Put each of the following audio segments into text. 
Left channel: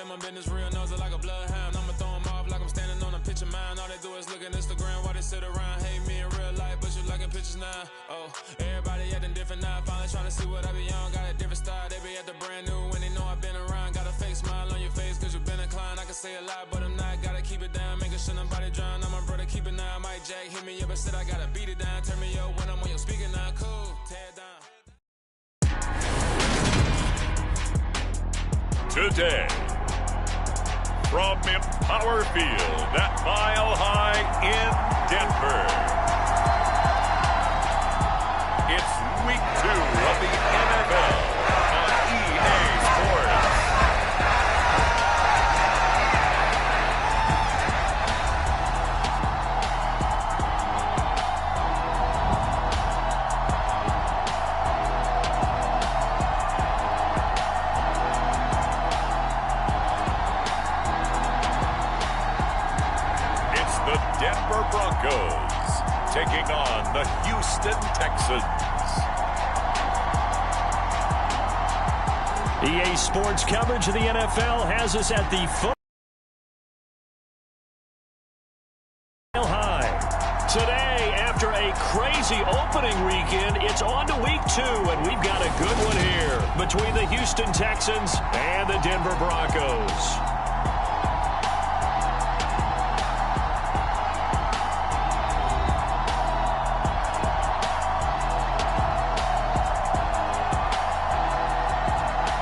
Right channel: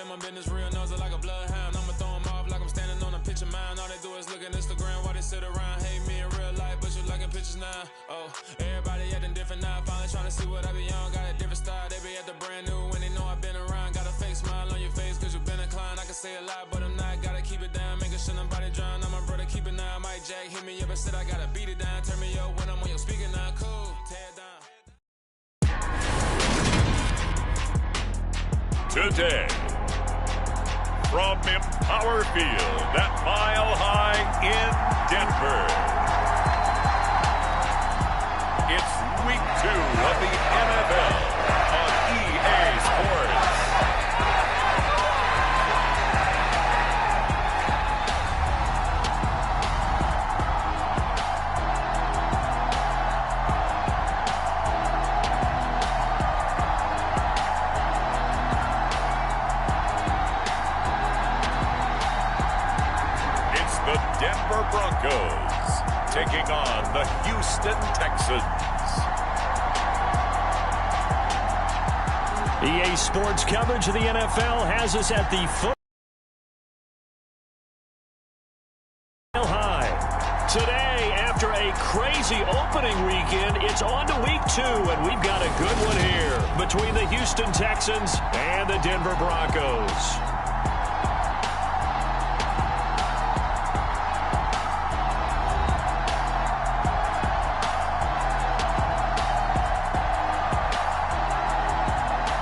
in my business, real nose like a bloodhound. I'ma throw them off like I'm standing on a pitch of mine. All they do is look at Instagram while they sit around. Hate me in real life, but you liking pictures now. Oh, everybody acting different now. Finally trying to see what I be on. Got a different style, they be at the brand new when they know I've been around. Got a fake smile on your face cause you been inclined. I can say a lot, but I'm not. Gotta keep it down, making sure nobody drown. I'm my brother, keep it now. Mike Jack hit me up and said I gotta beat it down. Turn me up when I'm on your speaker now. Cool, tear it down. Today, from Empower Field at Mile High in Denver, it's Week 2 of the NFL on EA Sports. The Denver Broncos taking on the Houston Texans. EA Sports coverage of the NFL has us at the foot Mile High. Today, after a crazy opening weekend, it's on to Week 2, and we've got a good one here between the Houston Texans and the Denver Broncos.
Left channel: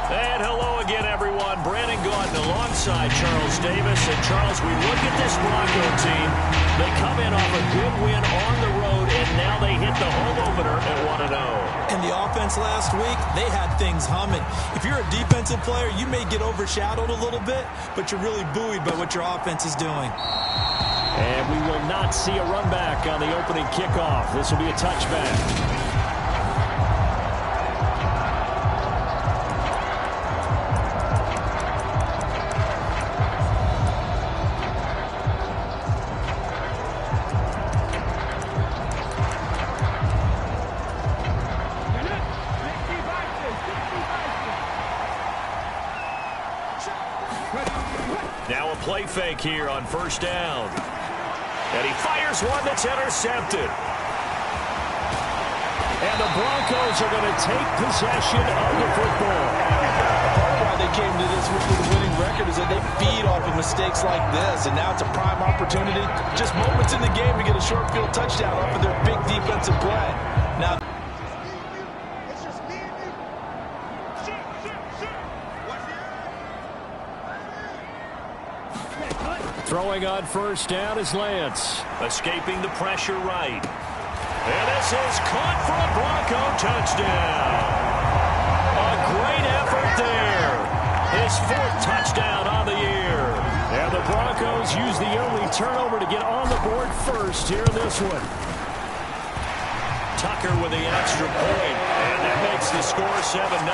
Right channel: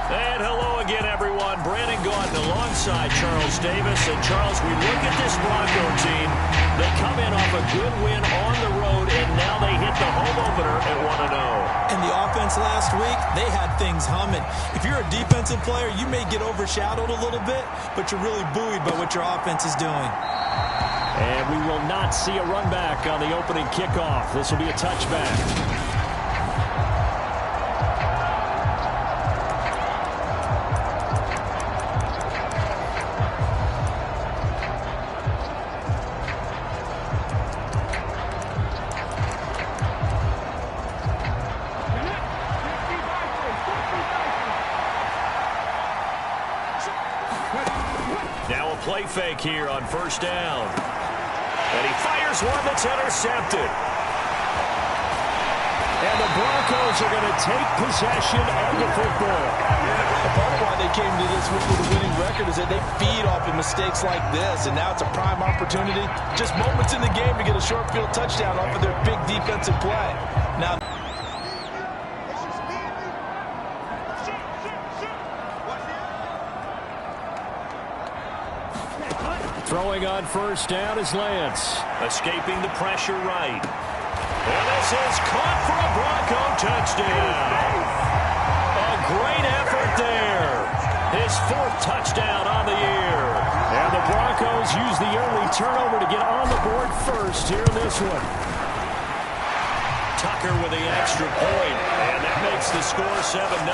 And hello again, everyone. Brandon Gordon alongside Charles Davis. And, Charles, we look at this Bronco team. They come in off a good win on the road, and now they hit the home opener at 1-0. And the offense last week, they had things humming. If you're a defensive player, you may get overshadowed a little bit, but you're really buoyed by what your offense is doing. And we will not see a run back on the opening kickoff. This will be a touchback. Now a play fake here on first down. And he fires one that's intercepted. And the Broncos are going to take possession of the football. A part of why they came to this with a winning record is that they feed off of mistakes like this. And now it's a prime opportunity, just moments in the game, to get a short field touchdown off of their big defensive play. Now, throwing on first down is Lance. Escaping the pressure right. And this is caught for a Bronco touchdown. A great effort there. His 4th touchdown on the year. And the Broncos use the early turnover to get on the board first here in this one. Tucker with the extra point. And that makes the score 7-0.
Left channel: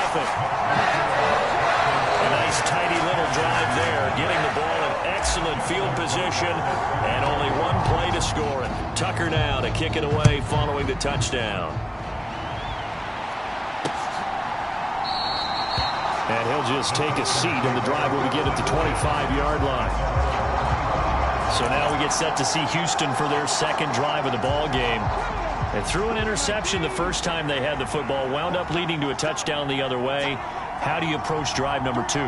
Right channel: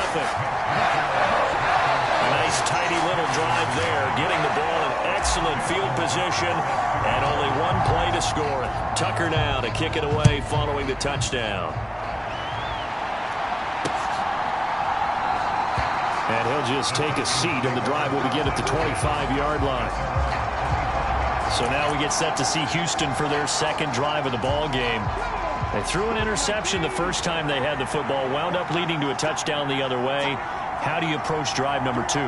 A nice tidy little drive there, getting the ball in excellent field position, and only one play to score it. Tucker now to kick it away following the touchdown. And he'll just take a seat, and the drive will begin at the 25-yard line. So now we get set to see Houston for their second drive of the ball game. They threw an interception the first time they had the football, wound up leading to a touchdown the other way. How do you approach drive number 2?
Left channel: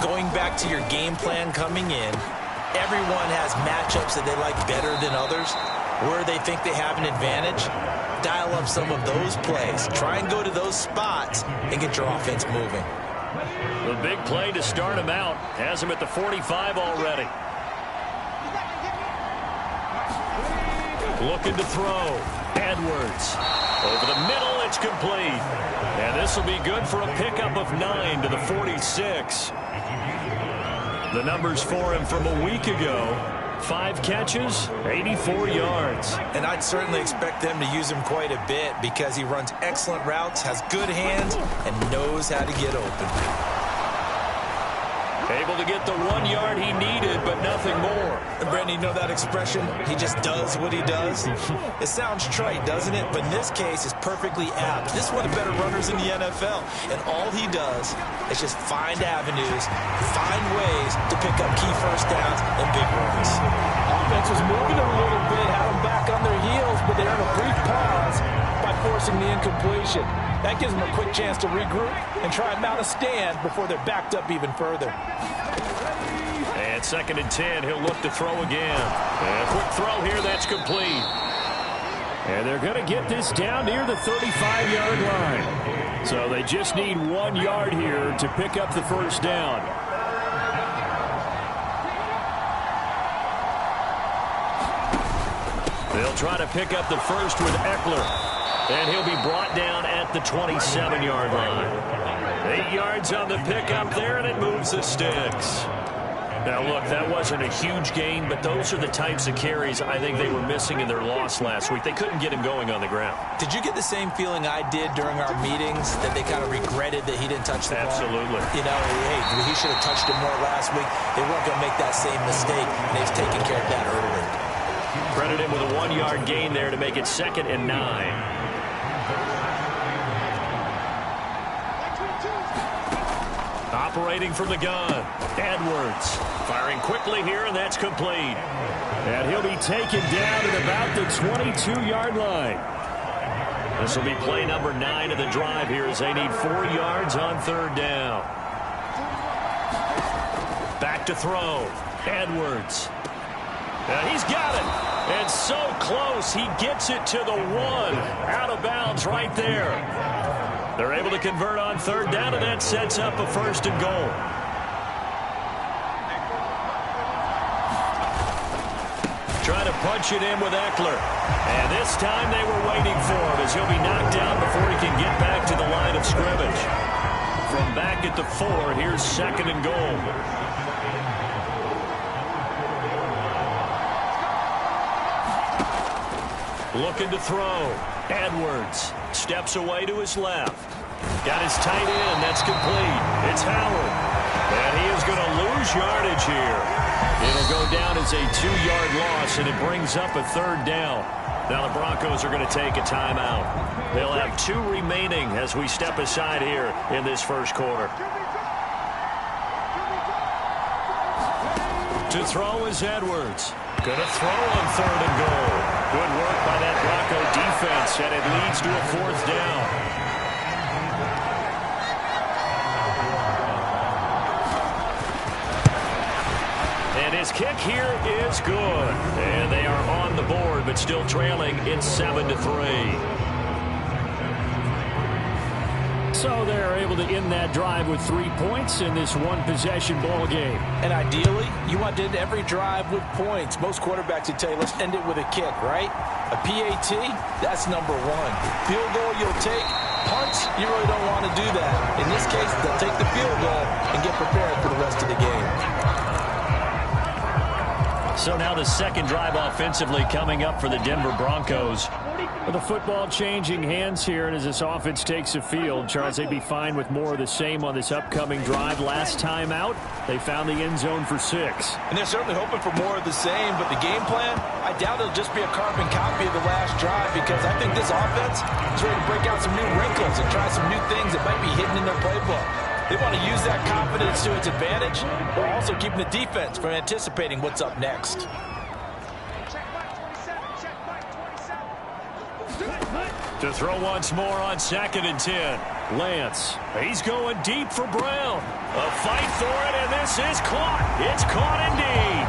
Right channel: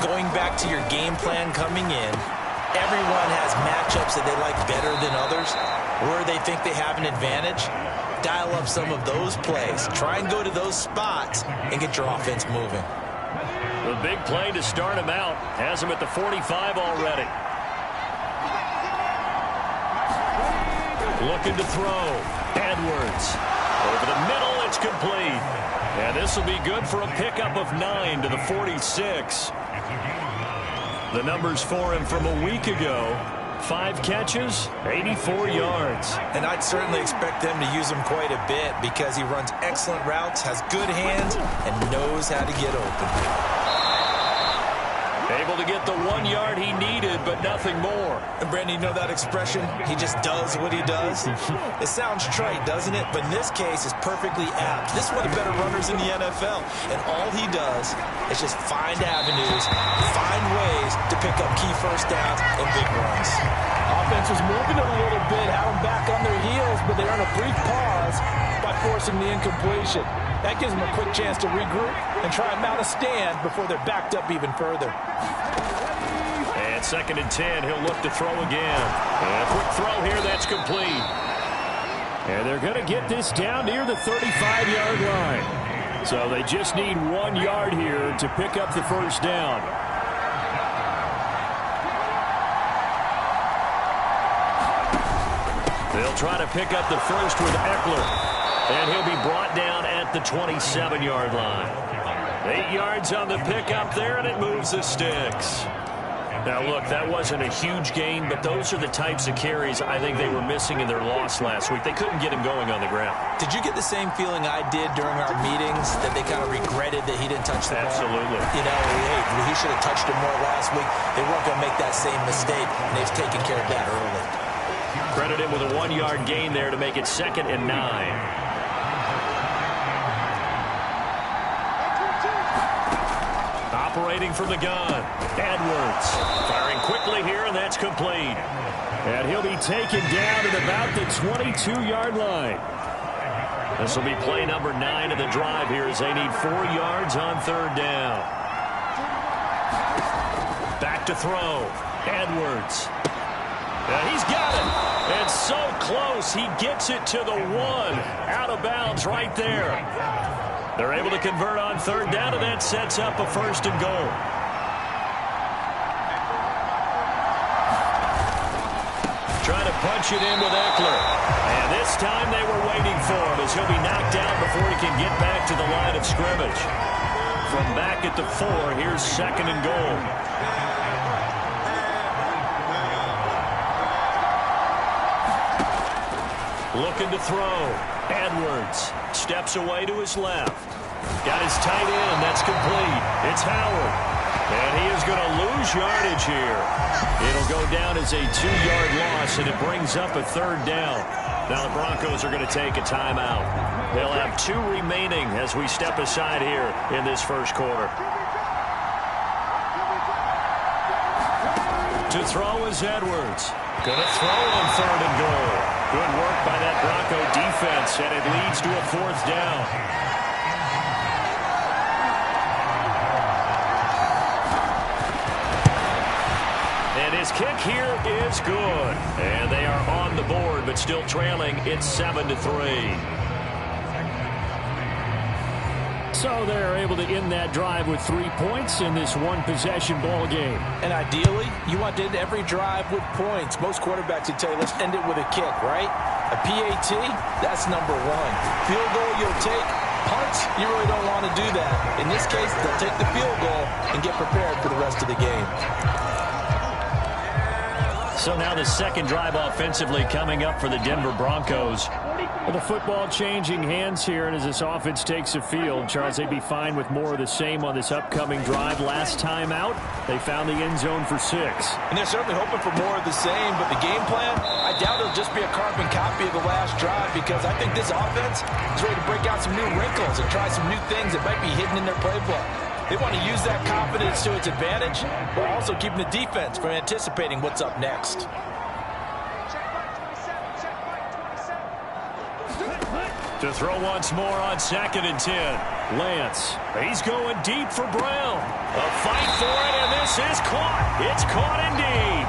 Going back to your game plan coming in, everyone has matchups that they like better than others, where they think they have an advantage. Dial up some of those plays. Try and go to those spots and get your offense moving. The big play to start him out has him at the 45 already. Looking to throw. Edwards. Over the middle, it's complete. And this will be good for a pickup of 9 to the 46. The numbers for him from a week ago: 5 catches, 84 yards. And I'd certainly expect them to use him quite a bit because he runs excellent routes, has good hands, and knows how to get open. Able to get the 1 yard he needed, but nothing more. And Brandon, you know that expression? He just does what he does. It sounds trite, doesn't it? But in this case, it's perfectly apt. This is one of the better runners in the NFL. And all he does is just find avenues, find ways to pick up key first downs and big runs. Offense was moving it a little bit, had them back on their heels, but they earned a brief pause by forcing the incompletion. That gives them a quick chance to regroup and try and mount a stand before they're backed up even further. And 2nd and 10, he'll look to throw again. And a quick throw here, that's complete. And they're going to get this down near the 35-yard line. So they just need 1 yard here to pick up the first down. They'll try to pick up the first with Eckler. And he'll be brought down at the 27-yard line. 8 yards on the pickup there, and it moves the sticks. Now, look, that wasn't a huge gain, but those are the types of carries I think they were missing in their loss last week. They couldn't get him going on the ground. Did you get the same feeling I did during our meetings, that they kind of regretted that he didn't touch the ball? Absolutely. You know, hey, he should have touched it more last week. They weren't going to make that same mistake, and they've taken care of that early. Credit him with a 1 yard gain there to make it 2nd and 9. Operating from the gun, Edwards. Firing quickly here, and that's complete. And he'll be taken down at about the 22-yard line. This will be play number 9 of the drive here as they need 4 yards on 3rd down. Back to throw, Edwards. Now he's got it, and so close, he gets it to the 1. Out of bounds right there. They're able to convert on 3rd down, and that sets up a 1st and goal. Trying to punch it in with Eckler. And this time they were waiting for him as he'll be knocked down before he can get back to the line of scrimmage. From back at the 4, here's 2nd and goal. Looking to throw. Edwards steps away to his left. Got his tight end. That's complete. It's Howard. And he is going to lose yardage here. It'll go down as a 2-yard loss, and it brings up a 3rd down. Now the Broncos are going to take a timeout. They'll have 2 remaining as we step aside here in this first quarter. To throw is Edwards. Going to throw on 3rd and goal. Good work by that Bronco defense, and it leads to a 4th down. And his kick here is good. And they are on the board, but still trailing. It's 7-3. So they're able to end that drive with 3 points in this one-possession ball game. And ideally, you want to end every drive with points. Most quarterbacks would tell you, let's end it with a kick, right? A PAT, that's number 1. Field goal you'll take. Punts, you really don't want to do that. In this case, they'll take the field goal and get prepared for the rest of the game. So now the 2nd drive offensively coming up for the Denver Broncos. Well, the football changing hands here, and as this offense takes the field, Charles, they'd be fine with more of the same on this upcoming drive. Last time out, they found the end zone for 6. And they're certainly hoping for more of the same, but the game plan, I doubt it'll just be a carbon copy of the last drive, because I think this offense is ready to break out some new wrinkles and try some new things that might be hidden in their playbook. They want to use that confidence to its advantage, while also keeping the defense from anticipating what's up next. To throw once more on 2nd and 10. Lance, he's going deep for Brown. A fight for it, and this is caught. It's caught indeed.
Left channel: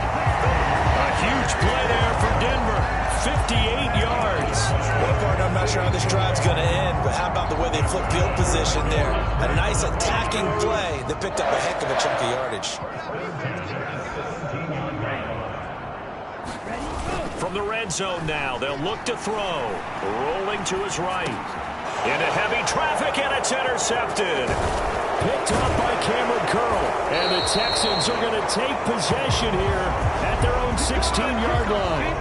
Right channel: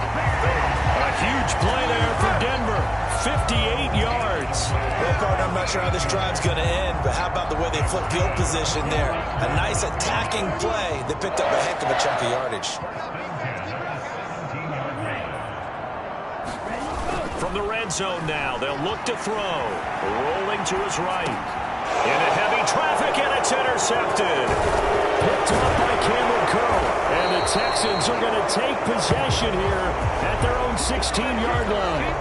A huge play there for Denver. 58 yards. Well, partner, I'm not sure how this drive's going to end, but how about the way they flipped field position there? A nice attacking play that picked up a heck of a chunk of yardage. From the red zone now, they'll look to throw. Rolling to his right. Into heavy traffic, and it's intercepted. Picked up by Cameron Curl. And the Texans are going to take possession here at their own 16-yard line.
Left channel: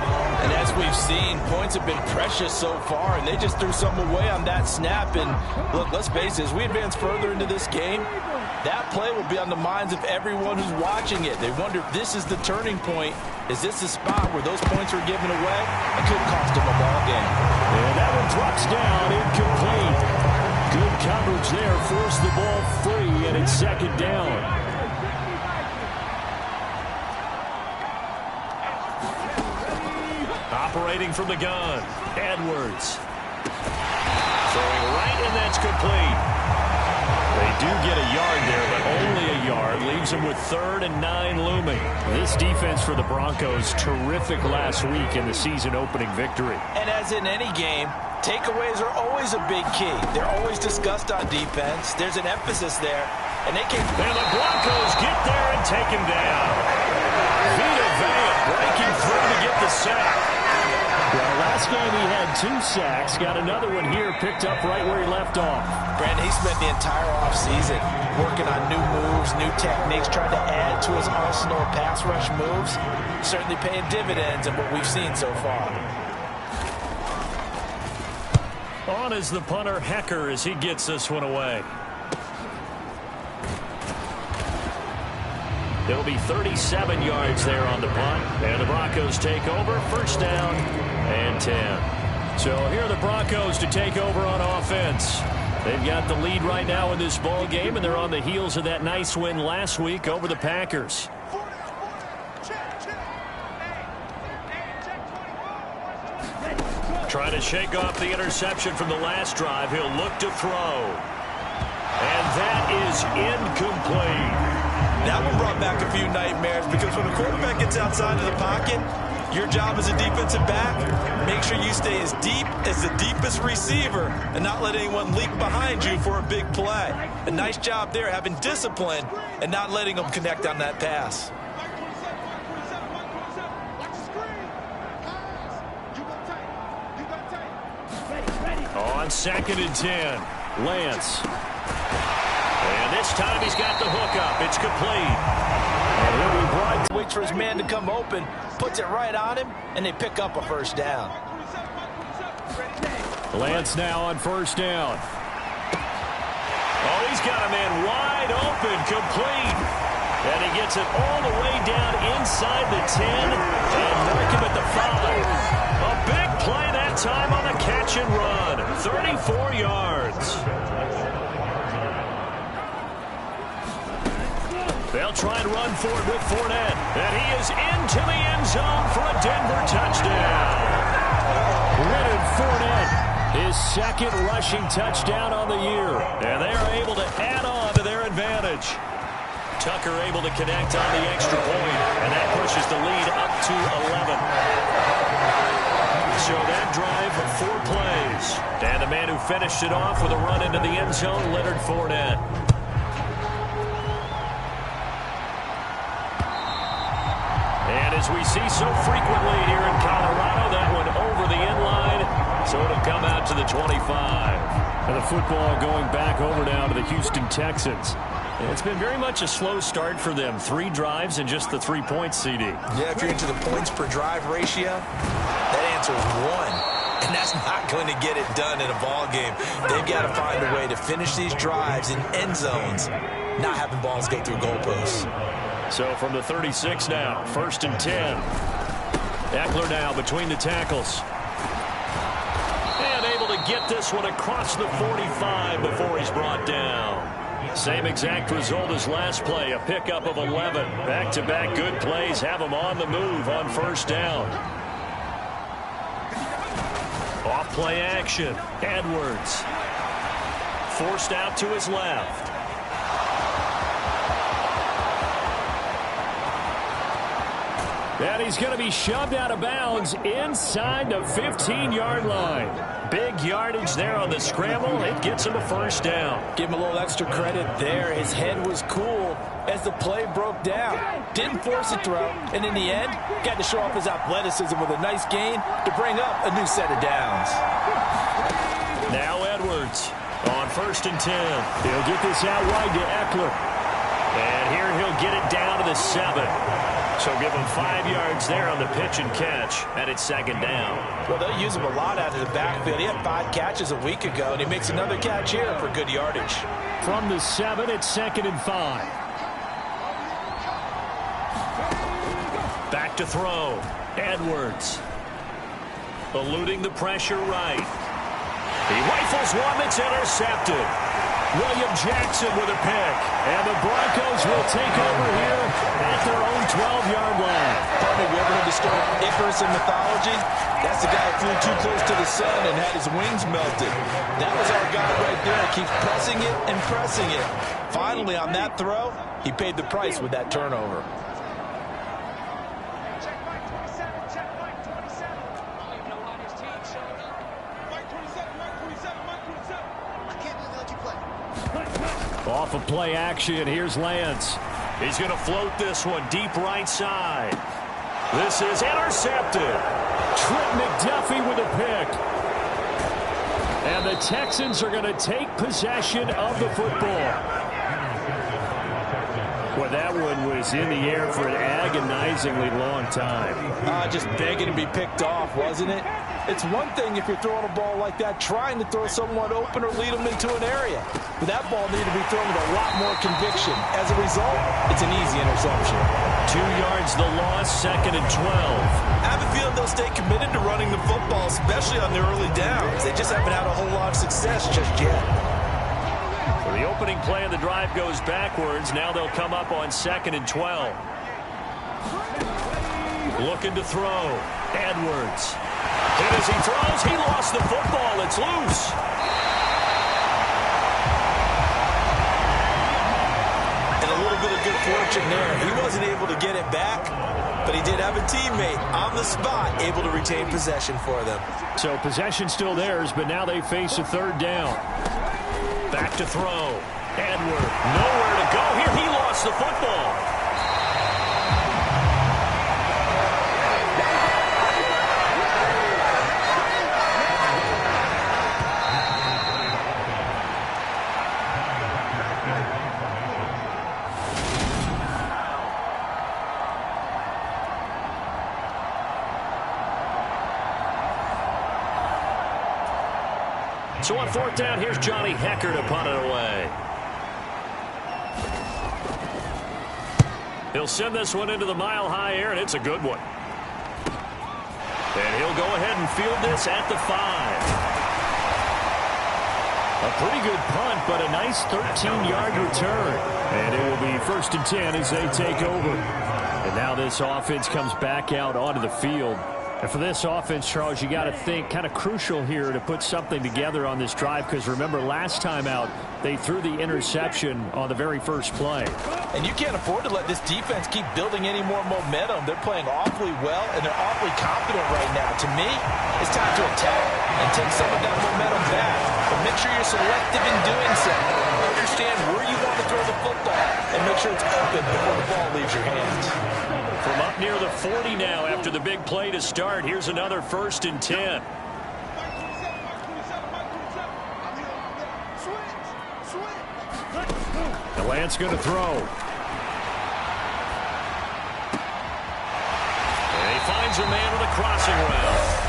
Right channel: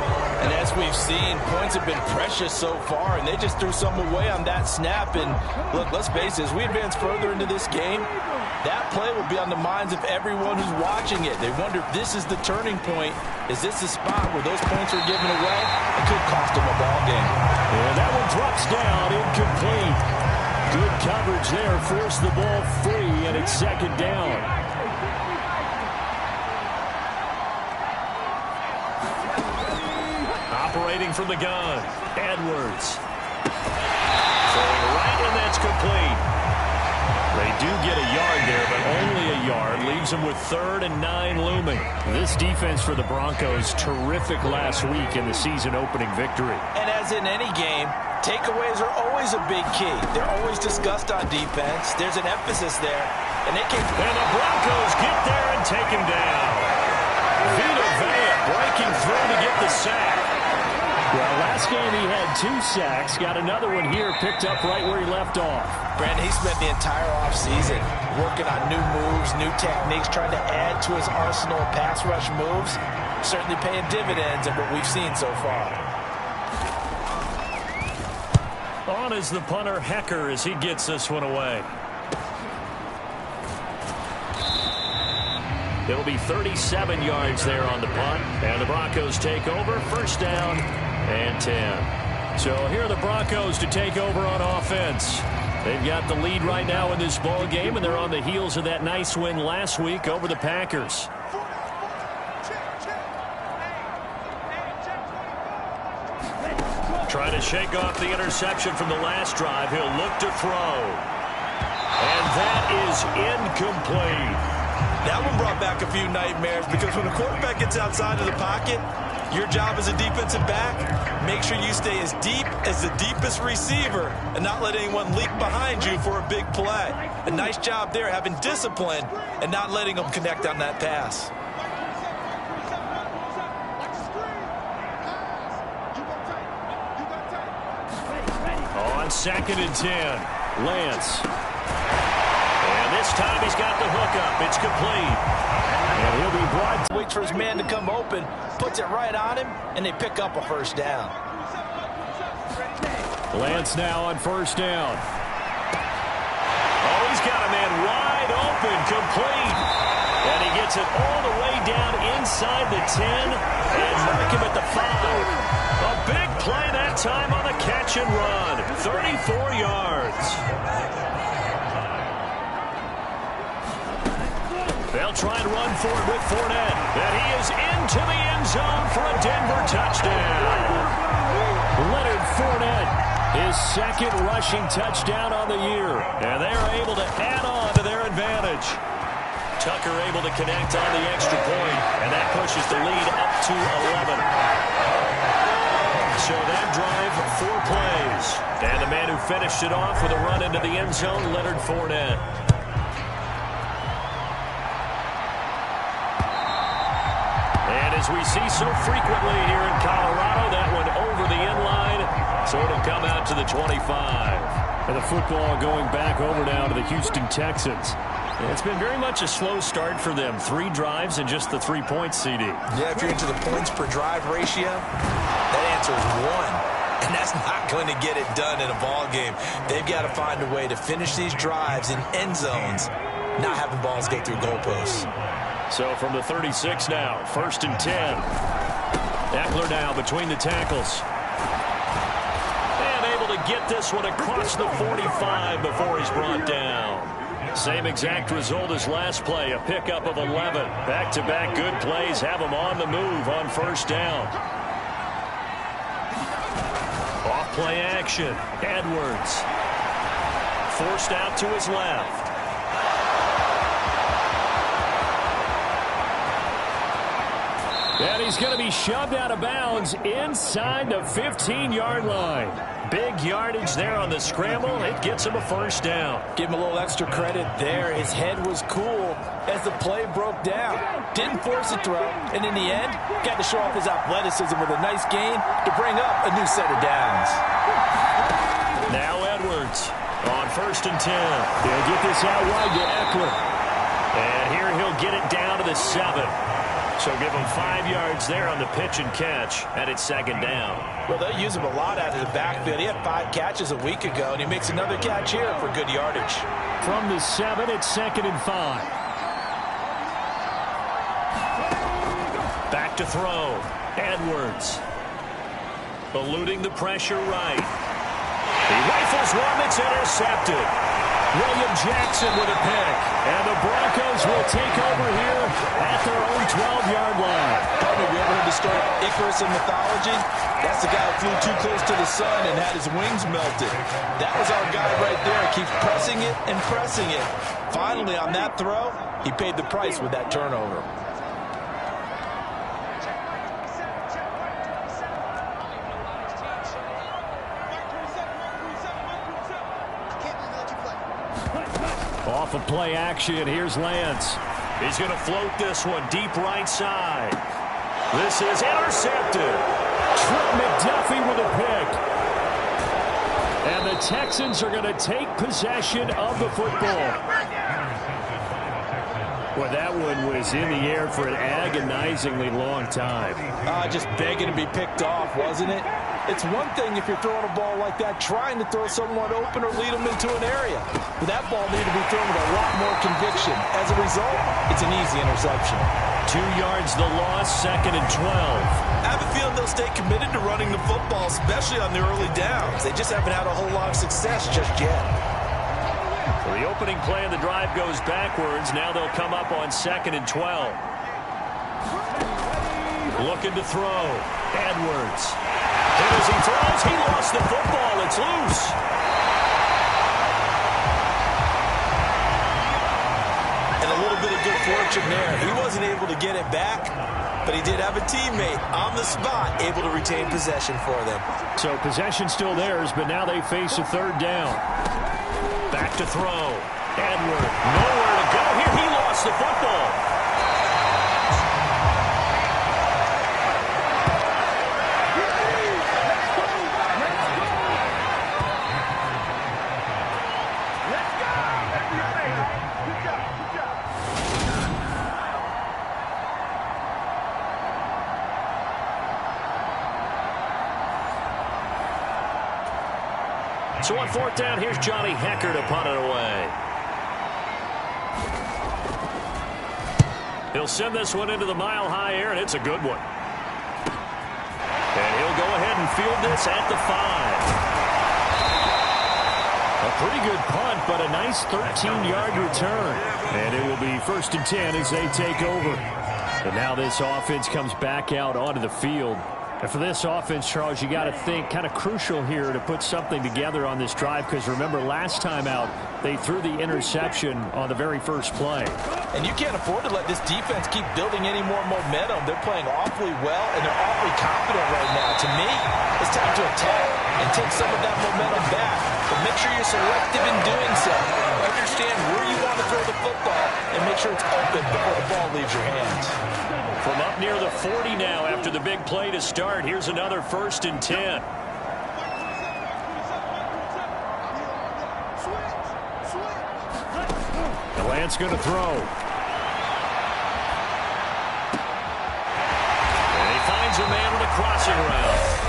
And as we've seen, points have been precious so far, and they just threw some away on that snap. And look, let's face it, as we advance further into this game, That play will be on the minds of everyone who's watching it. They wonder if this is the turning point. Is this the spot where those points are given away? It could cost them a ball game. And that one drops down, incomplete. Good coverage there, forced the ball free, and it's second down. Operating from the gun, Edwards. Throwing right, and that's complete. They do get a yard there, but only a yard. Leaves them with 3rd and 9 looming. This defense for the Broncos, terrific last week in the season-opening victory. And as in any game, takeaways are always a big key. They're always discussed on defense. There's an emphasis there. And they can. And the Broncos get there and take him down. Vita Vea breaking through to get the sack. Well, last game he had 2 sacks. Got another one here, picked up right where he left off. Brandon, he spent the entire offseason working on new moves, new techniques, trying to add to his arsenal of pass rush moves. Certainly paying dividends in what we've seen so far. On is the punter, Hecker, as he gets this one away. It'll be 37 yards there on the punt. And the Broncos take over. First down and 10. So here are the Broncos to take over on offense. They've got the lead right now in this ball game, and they're on the heels of that nice win last week over the Packers. Trying to shake off the interception from the last drive. He'll look to throw. And that is incomplete. That one brought back a few nightmares because when a quarterback gets outside of the pocket, your job as a defensive back, make sure you stay as deep as the deepest receiver and not let anyone leak behind you for a big play. A nice job there, having discipline and not letting them connect on that pass. On 2nd and 10, Lance. And this time he's got the hook up. It's complete. And he'll be brought. Waits for his man to come open, puts it right on him, and they pick up a first down. Lance now on first down. Oh, he's got a man wide open, complete. And he gets it all the way down inside the 10 and mark him at the 5. A big play that time on the catch and run. 34 yards. They'll try and run for it with Fournette. And he is into the end zone for a Denver touchdown. Leonard Fournette, his 2nd rushing touchdown on the year. And they are able to add on to their advantage. Tucker able to connect on the extra point, and that pushes the lead up to 11. So that drive, 4 plays. And the man who finished it off with a run into the end zone, Leonard Fournette. And as we see so frequently here in Colorado, that one over the end line, so it'll come out to the 25. And the football going back over now to the Houston Texans. It's been very much a slow start for them. 3 drives and just the 3 points, CD. Yeah, if you're into the points per drive ratio, that answer is 1. And that's not going to get it done in a ball game. They've got to find a way to finish these drives in end zones, not having balls go through goalposts. So from the 36 now, 1st and 10. Eckler now between the tackles. And able to get this one across the 45 before he's brought down. Same exact result as last play, a pickup of 11. Back-to-back good plays have him on the move on first down. Off-play action, Edwards. Forced out to his left. And he's going to be shoved out of bounds inside the 15-yard line. Big yardage there on the scramble. It gets him a first down. Give him a little extra credit there. His head was cool as the play broke down. Didn't force a throw, and in the end, got to show off his athleticism with a nice gain to bring up a new set of downs. Now Edwards on 1st and 10. He'll get this out wide to Eckler. And here he'll get it down to the 7. So give them 5 yards there on the pitch and catch, and it's second down. Well, they'll use him a lot out of the backfield. He had 5 catches a week ago, and he makes another catch here for good yardage. From the 7, it's 2nd and 5. Back to throw. Edwards. Eluding the pressure right. He rifles one that's intercepted. William Jackson with a pick. And the Broncos will take over here at their own 12-yard line. Partner, have you ever heard the story of Icarus in mythology? That's the guy who flew too close to the sun and had his wings melted. That was our guy right there. Keeps pressing it and pressing it. Finally, on that throw, he paid the price with that turnover. Off of play action, here's Lance. He's going to float this one deep right side. This is intercepted. Trent McDuffie with a pick. And the Texans are going to take possession of the football. Well, that one was in the air for an agonizingly long time. Just begging to be picked off, wasn't it? It's one thing if you're throwing a ball like that, trying to throw someone open or lead them into an area. But that ball needed to be thrown with a lot more conviction. As a result, it's an easy interception. 2 yards the loss, 2nd and 12. I have a feeling they'll stay committed to running the football, especially on the early downs. They just haven't had a whole lot of success just yet. So the opening play of the drive goes backwards. Now they'll come up on 2nd and 12. Looking to throw. Edwards. Hit as he throws. He lost the football. It's loose. And a little bit of good fortune there. He wasn't able to get it back, but he did have a teammate on the spot able to retain possession for them. So possession still theirs, but now they face a 3rd down. Back to throw. Edward, nowhere to go here. He lost the football. So on 4th down, here's Johnny Hecker to punt it away. He'll send this one into the mile-high air, and it's a good one. And he'll go ahead and field this at the 5. A pretty good punt, but a nice 13-yard return. And it will be 1st and 10 as they take over. And now this offense comes back out onto the field. And for this offense, Charles, you got to think kind of crucial here to put something together on this drive, because remember last time out they threw the interception on the very first play. And you can't afford to let this defense keep building any more momentum. They're playing awfully well, and they're awfully confident right now. To me, it's time to attack and take some of that momentum back. But make sure you're selective in doing so. Understand where you want to throw the football and make sure it's open before the ball leaves your hands. From up near the 40 now after the big play to start, here's another 1st and 10. And Lance going to throw. And he finds a man on a crossing route.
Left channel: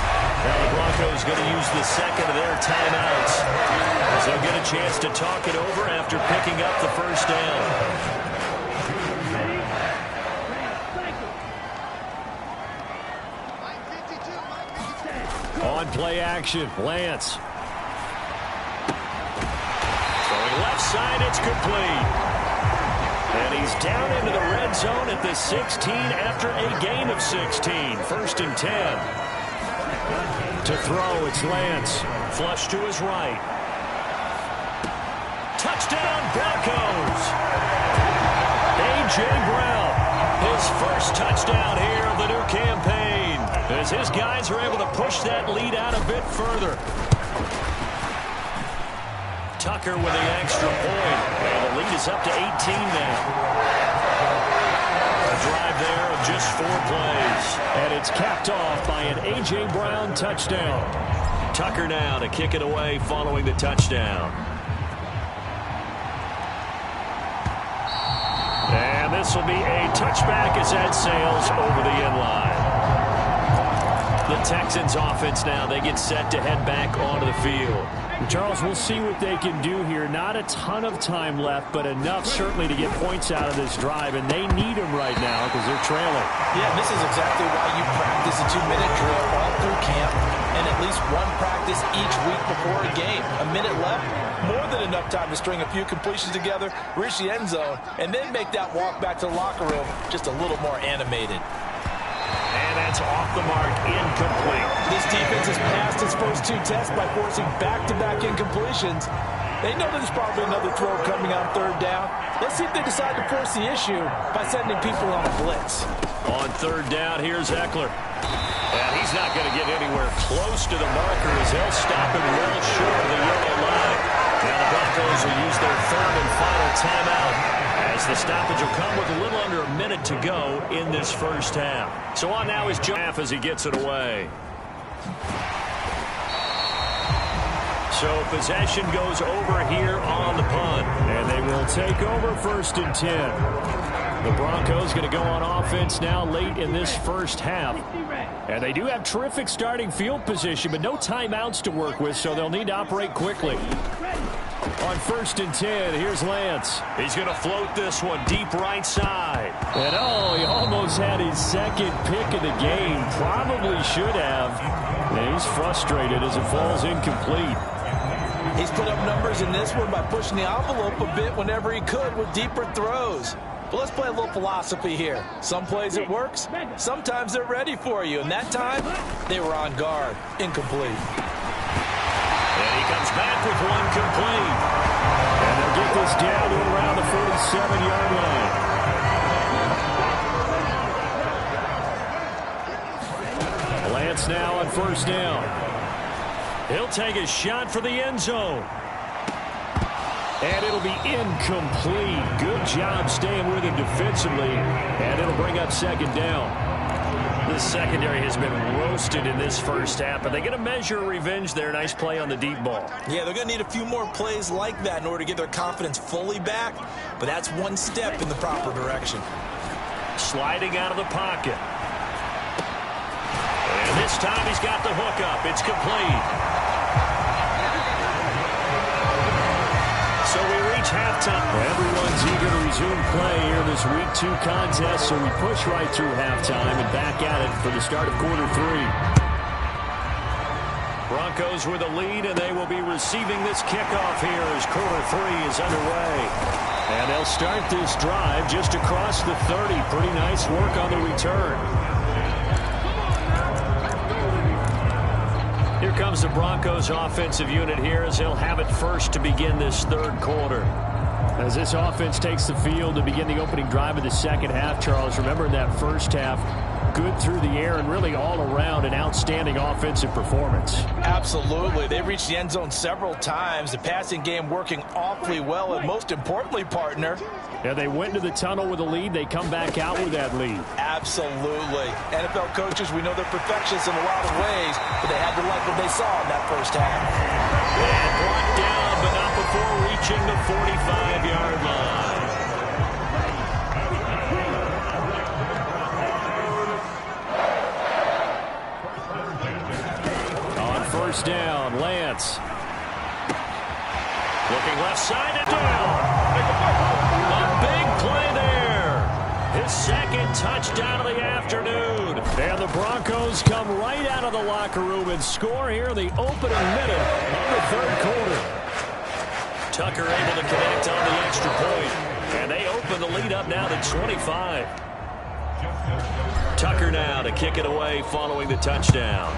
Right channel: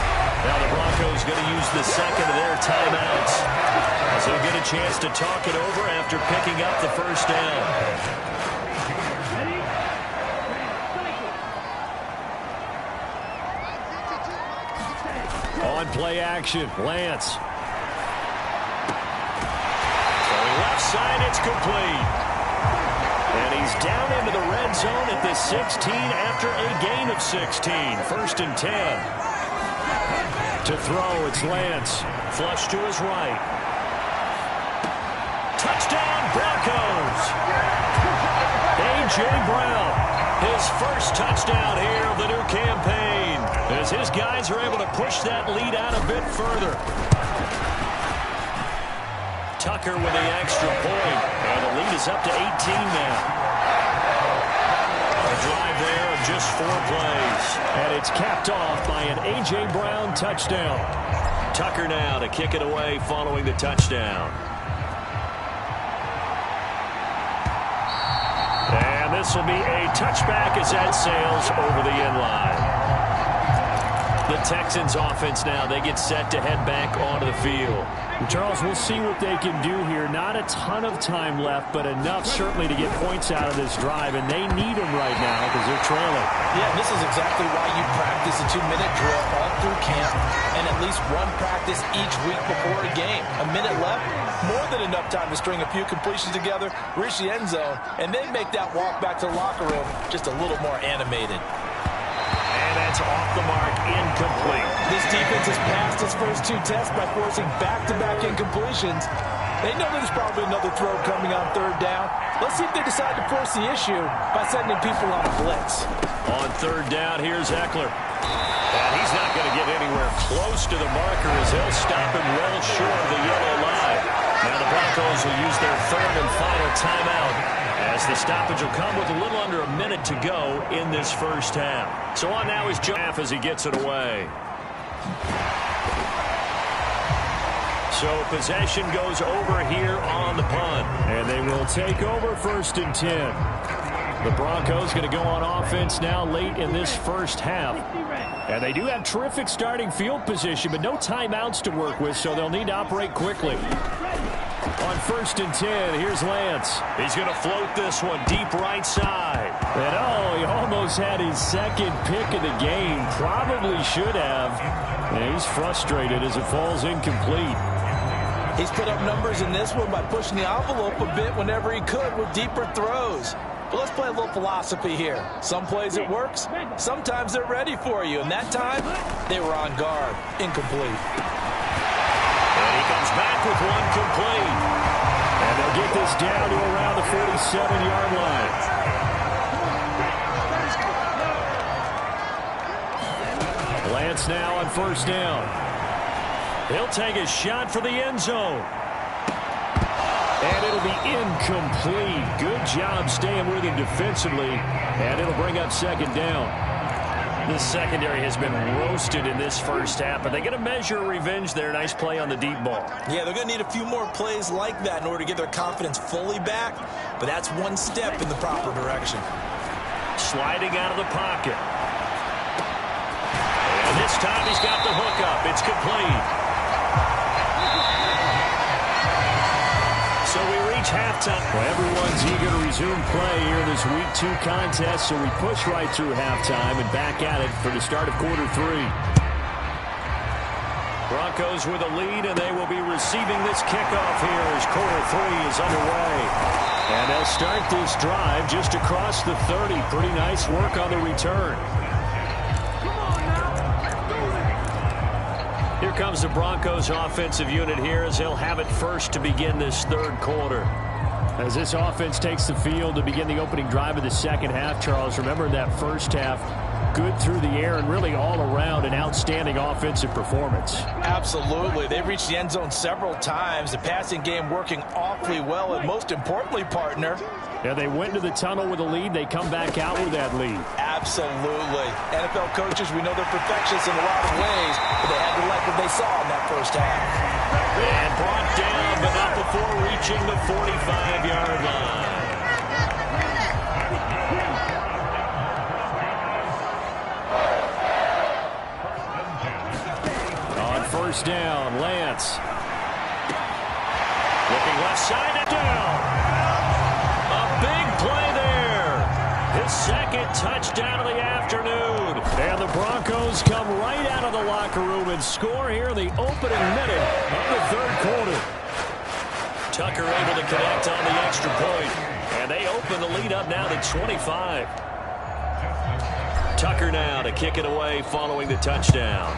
Now the Broncos going to use the 2nd of their timeouts as they'll get a chance to talk it over after picking up the 1st down. On play action, Lance. Throwing left side, it's complete. And he's down into the red zone at the 16 after a gain of 16. 1st and 10. To throw, it's Lance. Flush to his right. Touchdown, Broncos. A.J. Brown, his first touchdown here of the new campaign, as his guys are able to push that lead out a bit further. Tucker with the extra point, and the lead is up to 18 now. A drive there of just 4 plays. And it's capped off by an A.J. Brown touchdown. Tucker now to kick it away following the touchdown. And And this will be a touchback as that sails over the end line. The Texans offense now, they get set to head back onto the field. Charles, we'll see what they can do here. Not a ton of time left, but enough certainly to get points out of this drive, and they need them right now because they're trailing. Yeah, this is exactly why you practice a 2-minute drill all through camp and at least one practice each week before a game. A minute left, more than enough time to string a few completions together, reach the end zone, and then make that walk back to the locker room just a little more animated. And that's off the mark, incomplete. This defense has passed its first 2 tests by forcing back-to-back incompletions. They know there's probably another throw coming on 3rd down. Let's see if they decide to force the issue by sending people on a blitz. On 3rd down, here's Eckler. And he's not going to get anywhere close to the marker as they'll stop him well short of the yellow line. Now the Broncos will use their 3rd and final timeout, as the stoppage will come with a little under a minute to go in this first half. So on now is Jeff as he gets it away. So possession goes over here on the punt. And they will take over 1st and 10. The Broncos going to go on offense now late in this first half. And they do have terrific starting field position, but no timeouts to work with, so they'll need to operate quickly. On 1st and 10, here's Lance. He's going to float this one deep right side. And he almost had his 2nd pick of the game. Probably should have. And he's frustrated as it falls incomplete. He's put up numbers in this one by pushing the envelope a bit whenever he could with deeper throws. But let's play a little philosophy here. Some plays it works, sometimes they're ready for you. And that time, they were on guard. Incomplete. And he comes back with one complete. And they'll get this down to around the 47-yard line. Lance now on 1st down. He'll take a shot for the end zone. And it'll be incomplete. Good job staying with him defensively. And it'll bring up 2nd down. This secondary has been roasted in this first half, but they get a measure of revenge there. Nice play on the deep ball. Yeah, they're going to need a few more plays like that in order to get their confidence fully back, but that's one step in the proper direction. Sliding out of the pocket. And this time he's got the hook up. It's complete. So we reach halftime. Well, everyone's eager to resume play here in this Week 2 contest, so we push right through halftime and back at it for the start of quarter 3. Broncos with a lead, and they will be receiving this kickoff here as quarter 3 is underway. And they'll start this drive just across the 30. Pretty nice work on the return. Here comes the Broncos offensive unit here as they'll have it first to begin this 3rd quarter. As this offense takes the field to begin the opening drive of the second half, Charles, remember in that first half, good through the air and really all around an outstanding offensive performance. Absolutely. They reached the end zone several times. The passing game working awfully well, and most importantly, partner, yeah, they went into the tunnel with a lead. They come back out with that lead. Absolutely. NFL coaches, we know they're perfectionists in a lot of ways, but they had to like what they saw in that first half. And brought down, but not before reaching the 45-yard line. On 1st down, Lance. Looking left side and down. A big play there. His 2nd touchdown of the afternoon. And the Broncos come right out of the locker room and score here in the opening minute of the 3rd quarter. Tucker able to connect on the extra point. And they open the lead up now to 25. Tucker now to kick it away following the touchdown.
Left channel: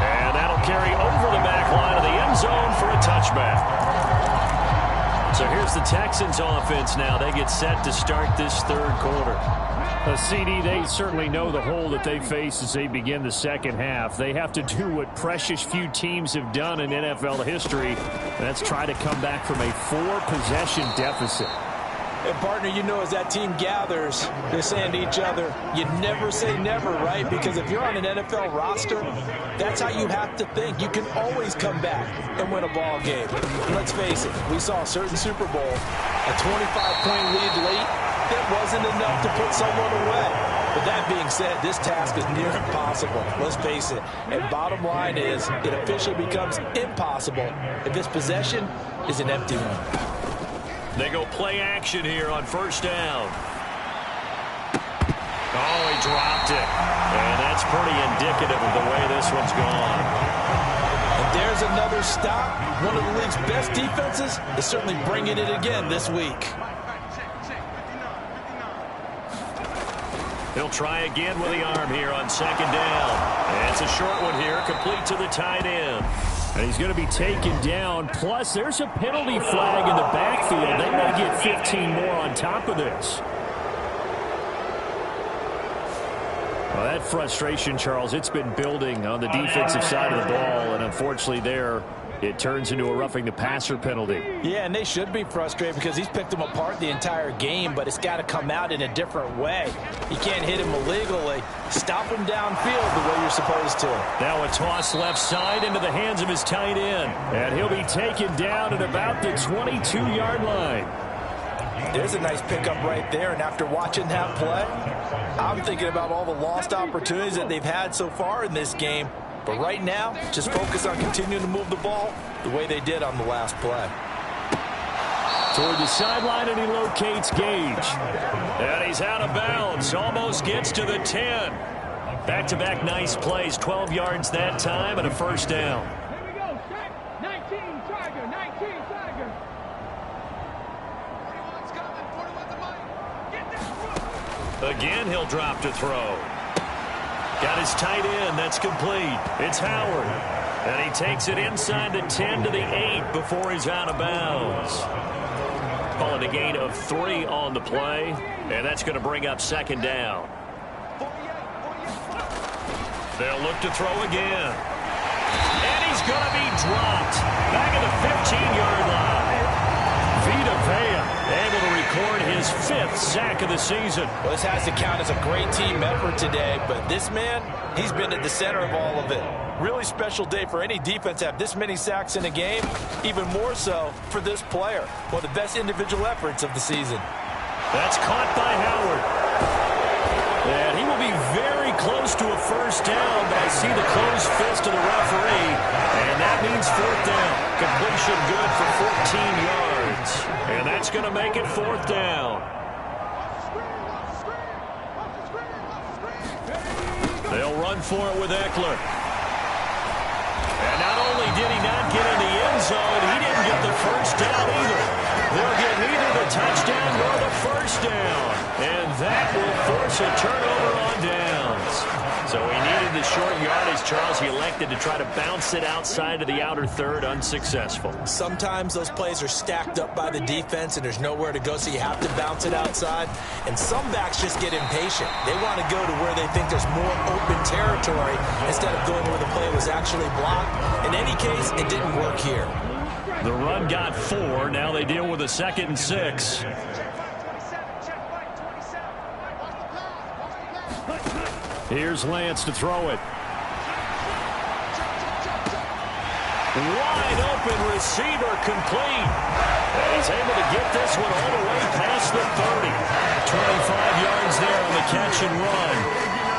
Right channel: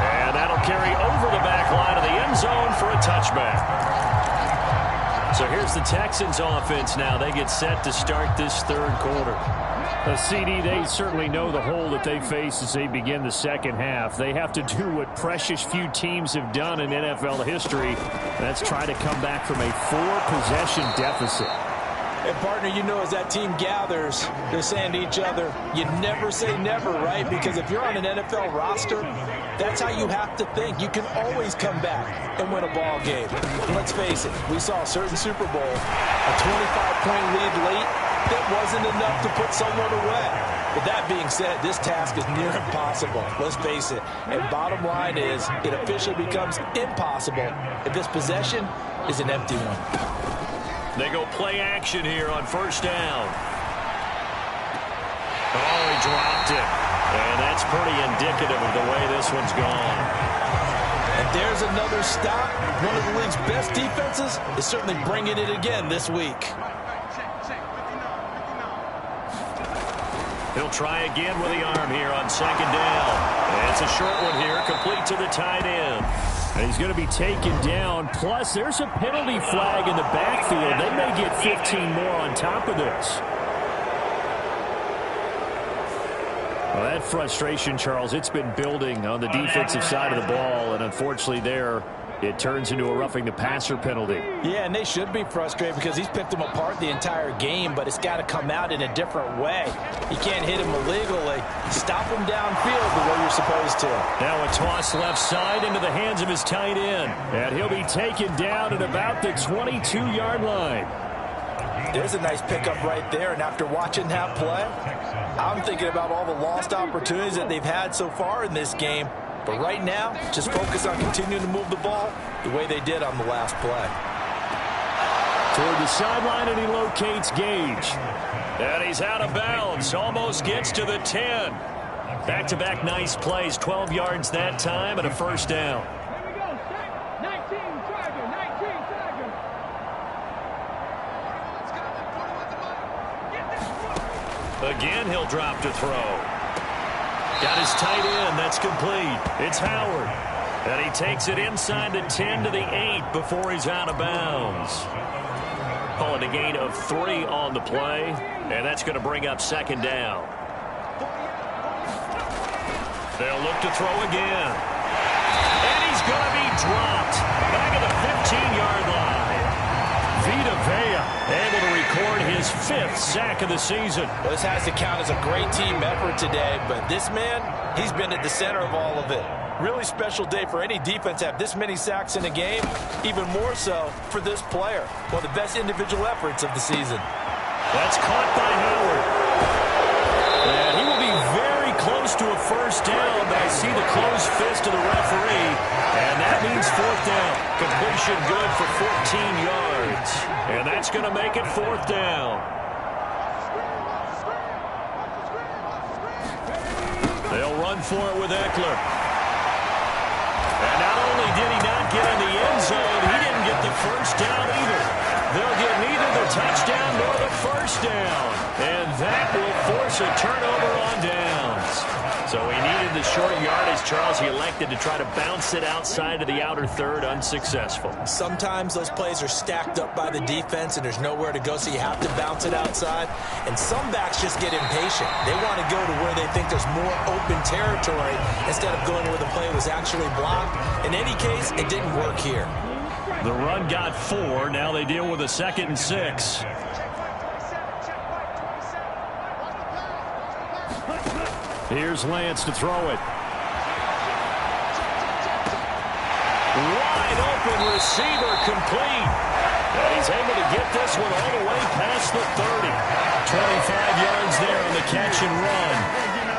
And that'll carry over the back line of the end zone for a touchback. So here's the Texans offense now. They get set to start this 3rd quarter. CD, they certainly know the hole that they face as they begin the second half. They have to do what precious few teams have done in NFL history. That's try to come back from a 4-possession deficit. And, partner, you know, as that team gathers, they're saying to each other, you never say never, right? Because if you're on an NFL roster, that's how you have to think. You can always come back and win a ball game. And let's face it, we saw a certain Super Bowl, a 25-point lead late, that wasn't enough to put someone away. But that being said, this task is near impossible. Let's face it. And bottom line is, it officially becomes impossible if this possession is an empty one. They go play action here on first down. Oh, he dropped it. And that's pretty indicative of the way this one's gone. And there's another stop. One of the league's best defenses is certainly bringing it again this week. He'll try again with the arm here on second down. And it's a short one here, complete to the tight end. And he's going to be taken down. Plus, there's a penalty flag in the backfield. They may get 15 more on top of this. Well, that frustration, Charles, it's been building on the defensive side of the ball. And unfortunately there, it turns into a roughing the passer penalty. Yeah, and they should be frustrated because he's picked them apart the entire game, but it's got to come out in a different way. You can't hit him illegally. Stop him downfield the way you're supposed to. Now a toss left side into the hands of his tight end. And he'll be taken down at about the 22-yard line. There's a nice pickup right there, and after watching that play, I'm thinking about all the lost opportunities that they've had so far in this game. But right now, just focus on continuing to move the ball the way they did on the last play. Toward the sideline, and he locates Gage. And he's out of bounds. Almost gets to the 10. Back-to-back nice plays. 12 yards that time and a first down. Here we go. 19 Tiger. 19 Tiger. 41's coming. 41's a mic. Get that. Again, he'll drop to throw. Got his tight end. That's complete. It's Howard. And he takes it inside the 10 to the 8 before he's out of bounds. Calling a gain of 3 on the play. And that's going to bring up second down. They'll look to throw again. And he's going to be dropped. Back at the 15-yard line. Vita Vea able to record his 5th sack of the season. Well, this has to count as a great team effort today, but this man, he's been at the center of all of it. Really special day for any defense to have this many sacks in a game, even more so for this player. One of the best individual efforts of the season. That's caught by Howard. And he will be very close to a first down, but I see the closed fist of the referee, and that means fourth down. Completion good for 14 yards. And that's going to make it fourth down. They'll run for it with Eckler. And not only did he not get in the end zone, he didn't get the first down either. They'll get neither the touchdown nor the first down. And that will force a turnover on downs. So he needed the short yardage, Charles. He elected to try to bounce it outside of the outer third, unsuccessful. Sometimes those plays are stacked up by the defense and there's nowhere to go, so you have to bounce it outside. And some backs just get impatient. They want to go to where they think there's more open territory instead of going where the play was actually blocked. In any case, it didn't work here. The run got 4. Now they deal with a 2nd and 6. Here's Lance to throw it. Wide open receiver complete. And he's able to get this one all the way past the 30. 25 yards there on the catch and run.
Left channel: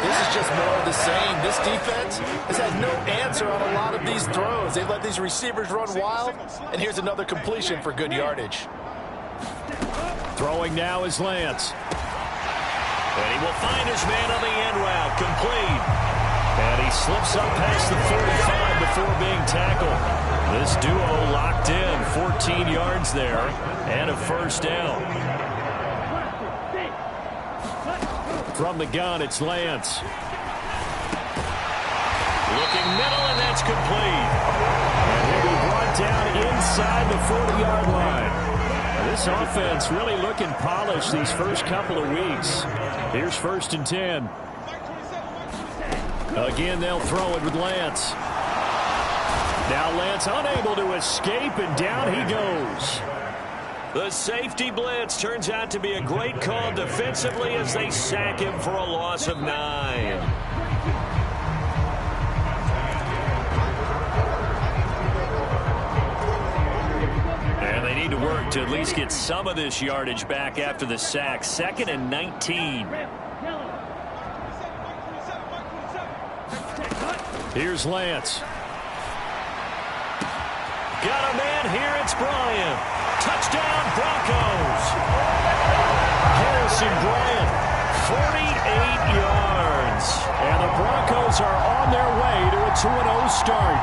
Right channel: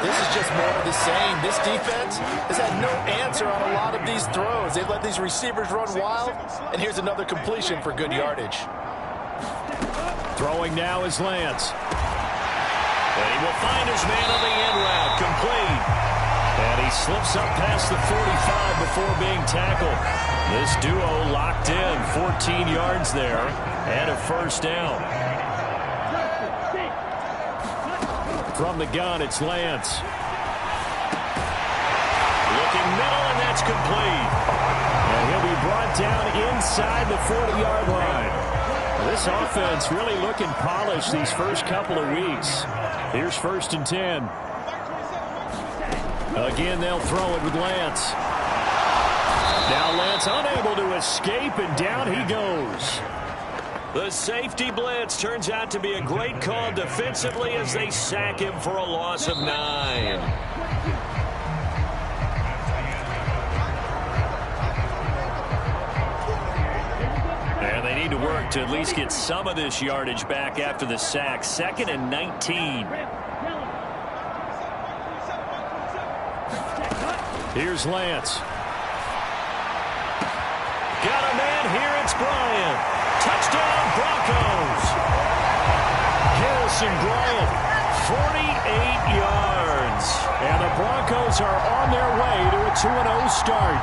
This is just more of the same. This defense has had no answer on a lot of these throws. They've let these receivers run wild, and here's another completion for good yardage. Throwing now is Lance. And he will find his man on the end route, complete. And he slips up past the 45 before being tackled. This duo locked in, 14 yards there, and a first down. From the gun, it's Lance. Looking middle, and that's complete. And he'll be brought down inside the 40-yard line. This offense really looking polished these first couple of weeks. Here's 1st and 10. Again, they'll throw it with Lance. Now Lance unable to escape, and down he goes. The safety blitz turns out to be a great call defensively as they sack him for a loss of 9. And they need to work to at least get some of this yardage back after the sack. 2nd and 19. Here's Lance. Got a man here. It's Bryant. Touchdown, Broncos. Harrison Bryant, 48 yards. And the Broncos are on their way to a 2-0 start.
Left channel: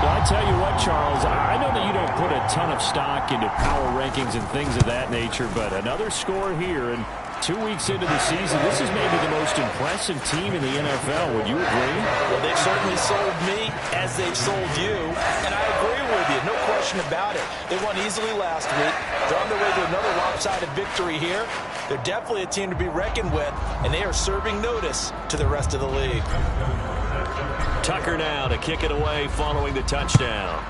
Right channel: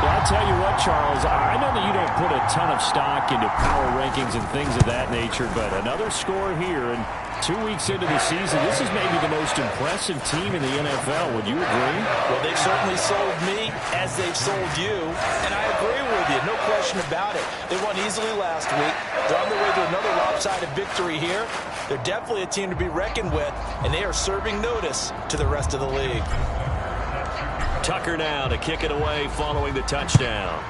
Well, I tell you what, Charles, I know that you don't put a ton of stock into power rankings and things of that nature, but another score here, and 2 weeks into the season, this is maybe the most impressive team in the NFL. Would you agree? Well, they've certainly sold me as they've sold you, and I agree with you, no question about it. They won easily last week. They're on their way to another lopsided victory here. They're definitely a team to be reckoned with, and they are serving notice to the rest of the league. Tucker now to kick it away following the touchdown.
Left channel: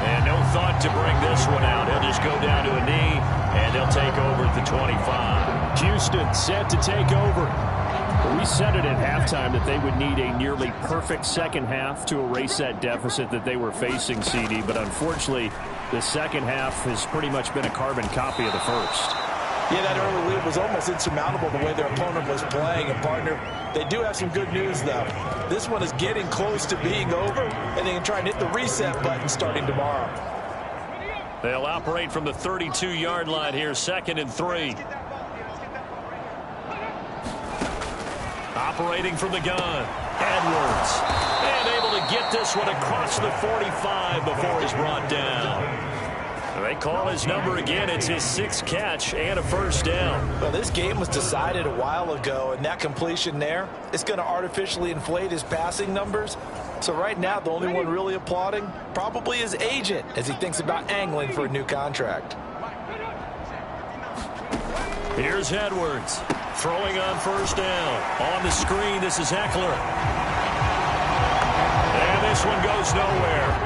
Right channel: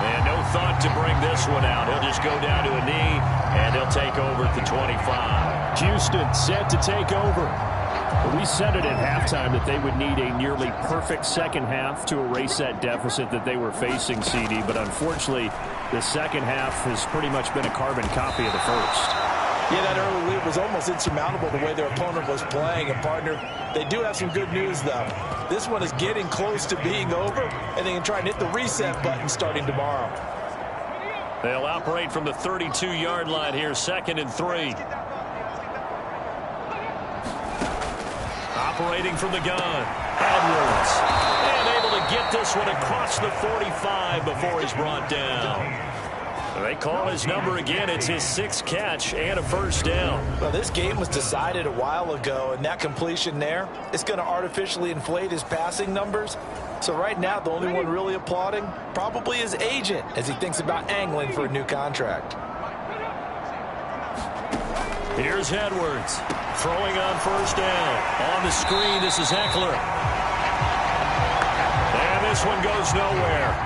And no thought to bring this one out. He'll just go down to a knee, and he'll take over at the 25. Houston set to take over. We said it at halftime that they would need a nearly perfect second half to erase that deficit that they were facing, CD. But unfortunately, the second half has pretty much been a carbon copy of the first. Yeah, that early lead was almost insurmountable the way their opponent was playing. And, partner, they do have some good news, though. This one is getting close to being over, and they can try and hit the reset button starting tomorrow. They'll operate from the 32-yard line here, 2nd and 3. Operating from the gun, Edwards. And able to get this one across the 45 before he's brought down. They call his number again. It's his 6th catch and a first down. Well, this game was decided a while ago, and that completion there is going to artificially inflate his passing numbers. So right now, the only one really applauding probably his agent as he thinks about angling for a new contract. Here's Edwards throwing on first down. On the screen, this is Eckler. And this one goes nowhere.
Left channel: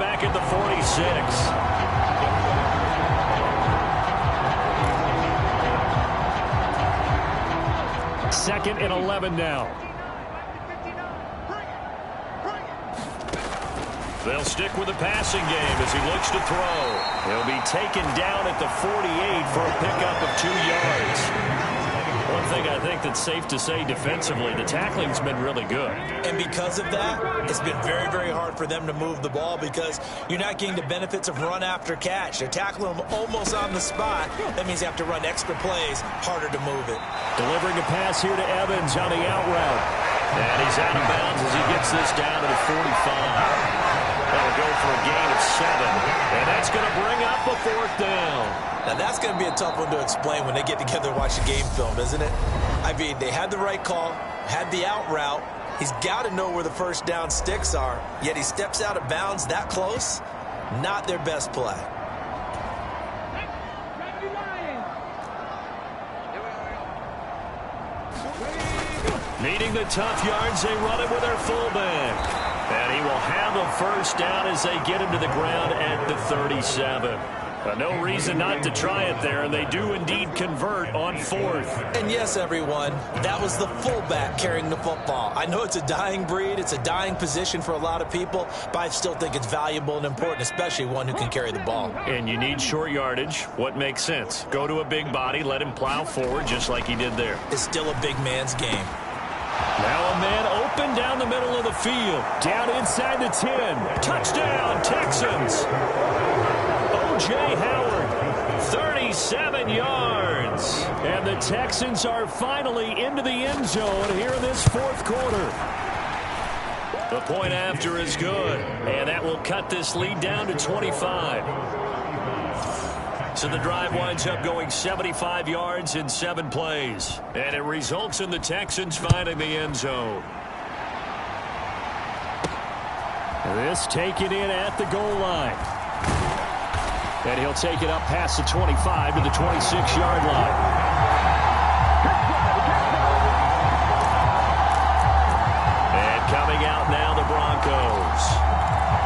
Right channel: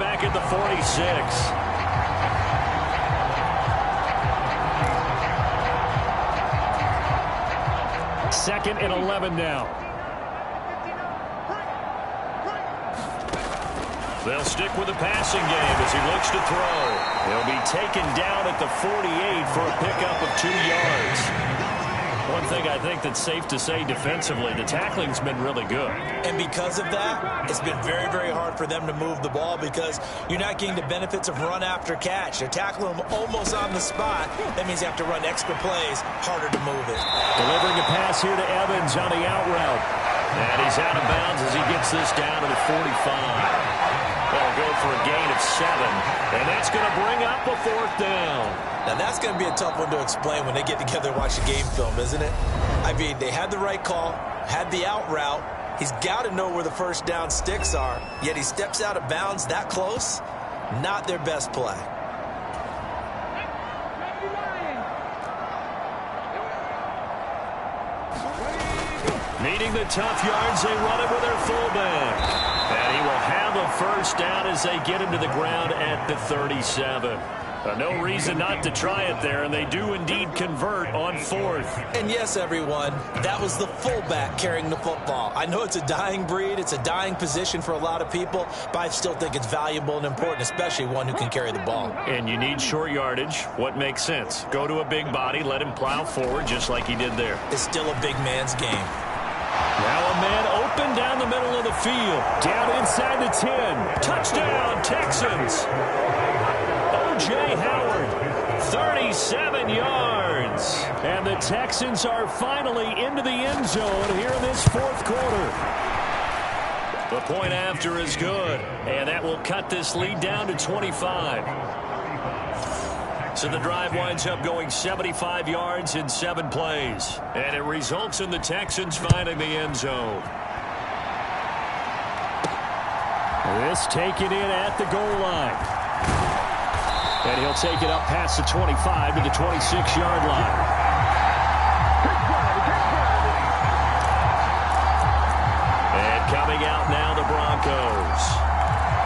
back at the 46. Second and 11 now. They'll stick with the passing game as he looks to throw. He'll be taken down at the 48 for a pickup of 2 yards. One thing I think that's safe to say defensively, the tackling's been really good. And because of that, it's been very, very hard for them to move the ball because you're not getting the benefits of run after catch. They're tackling them almost on the spot. That means you have to run extra plays, harder to move it. Delivering a pass here to Evans on the out route. And he's out of bounds as he gets this down to the 45. That'll go for a gain of 7. And that's going to bring up a 4th down. Now, that's going to be a tough one to explain when they get together and watch the game film, isn't it? I mean, they had the right call, had the out route. He's got to know where the first down sticks are, yet he steps out of bounds that close. Not their best play. Needing the tough yards, they run it with their fullback. And he will have a first down as they get him to the ground at the 37. No reason not to try it there, and they do indeed convert on 4th. And yes, everyone, that was the fullback carrying the football. I know it's a dying breed, it's a dying position for a lot of people, but I still think it's valuable and important, especially one who can carry the ball. And you need short yardage. What makes sense? Go to a big body, let him plow forward just like he did there. It's still a big man's game. Now a man open down the middle of the field. Down inside the 10. Touchdown, Texans. O.J. Howard, 37 yards. And the Texans are finally into the end zone here in this 4th quarter. The point after is good, and that will cut this lead down to 25. So the drive winds up going 75 yards in 7 plays. And it results in the Texans finding the end zone. This taken in at the goal line. And he'll take it up past the 25 to the 26-yard line. And coming out now, the Broncos.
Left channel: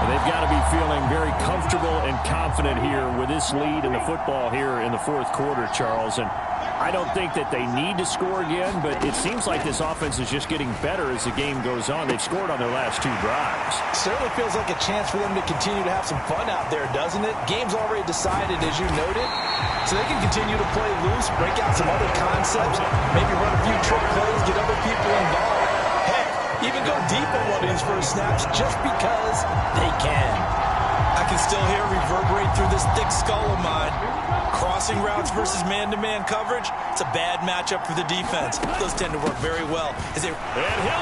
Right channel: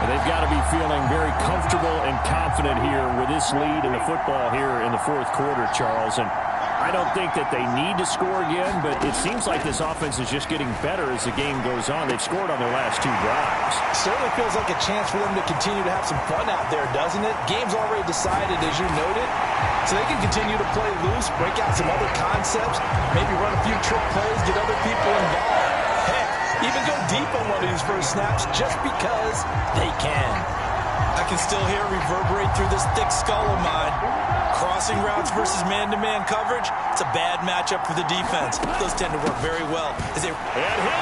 They've got to be feeling very comfortable and confident here with this lead in the football here in the 4th quarter, Charles. And I don't think that they need to score again, but it seems like this offense is just getting better as the game goes on. They've scored on their last 2 drives. Certainly feels like a chance for them to continue to have some fun out there, doesn't it? Game's already decided, as you noted, so they can continue to play loose, break out some other concepts, maybe run a few trick plays, get other people involved. Heck, even go deep on one of these first snaps just because they can. I can still hear it reverberate through this thick skull of mine. Crossing routes versus man-to-man coverage, it's a bad matchup for the defense. Those tend to work very well. And he'll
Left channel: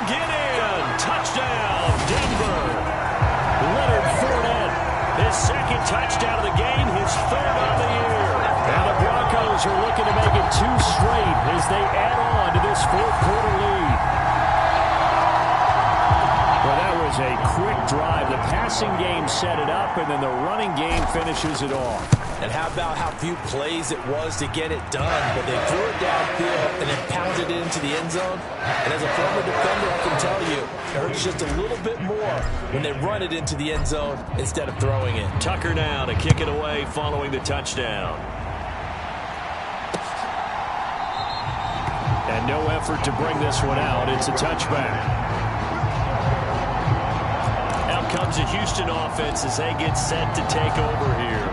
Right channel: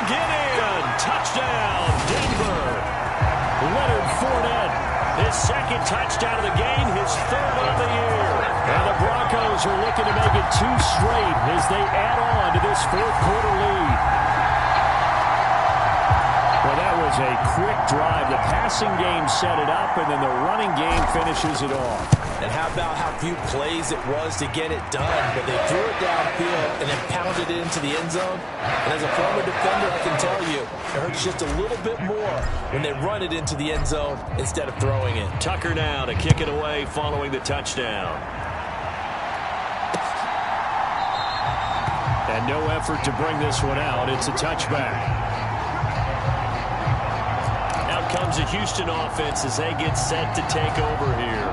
get in. Touchdown, Denver. Leonard Fournette, his 2nd touchdown of the game, his 3rd on the year. And the Broncos are looking to make it 2 straight as they add on to this 4th quarter lead. Well, that was a quick drive. The passing game set it up, and then the running game finishes it off. And how about how few plays it was to get it done, but they threw it downfield and then pounded it into the end zone. And as a former defender, I can tell you, it hurts just a little bit more when they run it into the end zone instead of throwing it. Tucker now to kick it away following the touchdown. And no effort to bring this one out. It's a touchback. Out comes the Houston offense as they get set to take over here.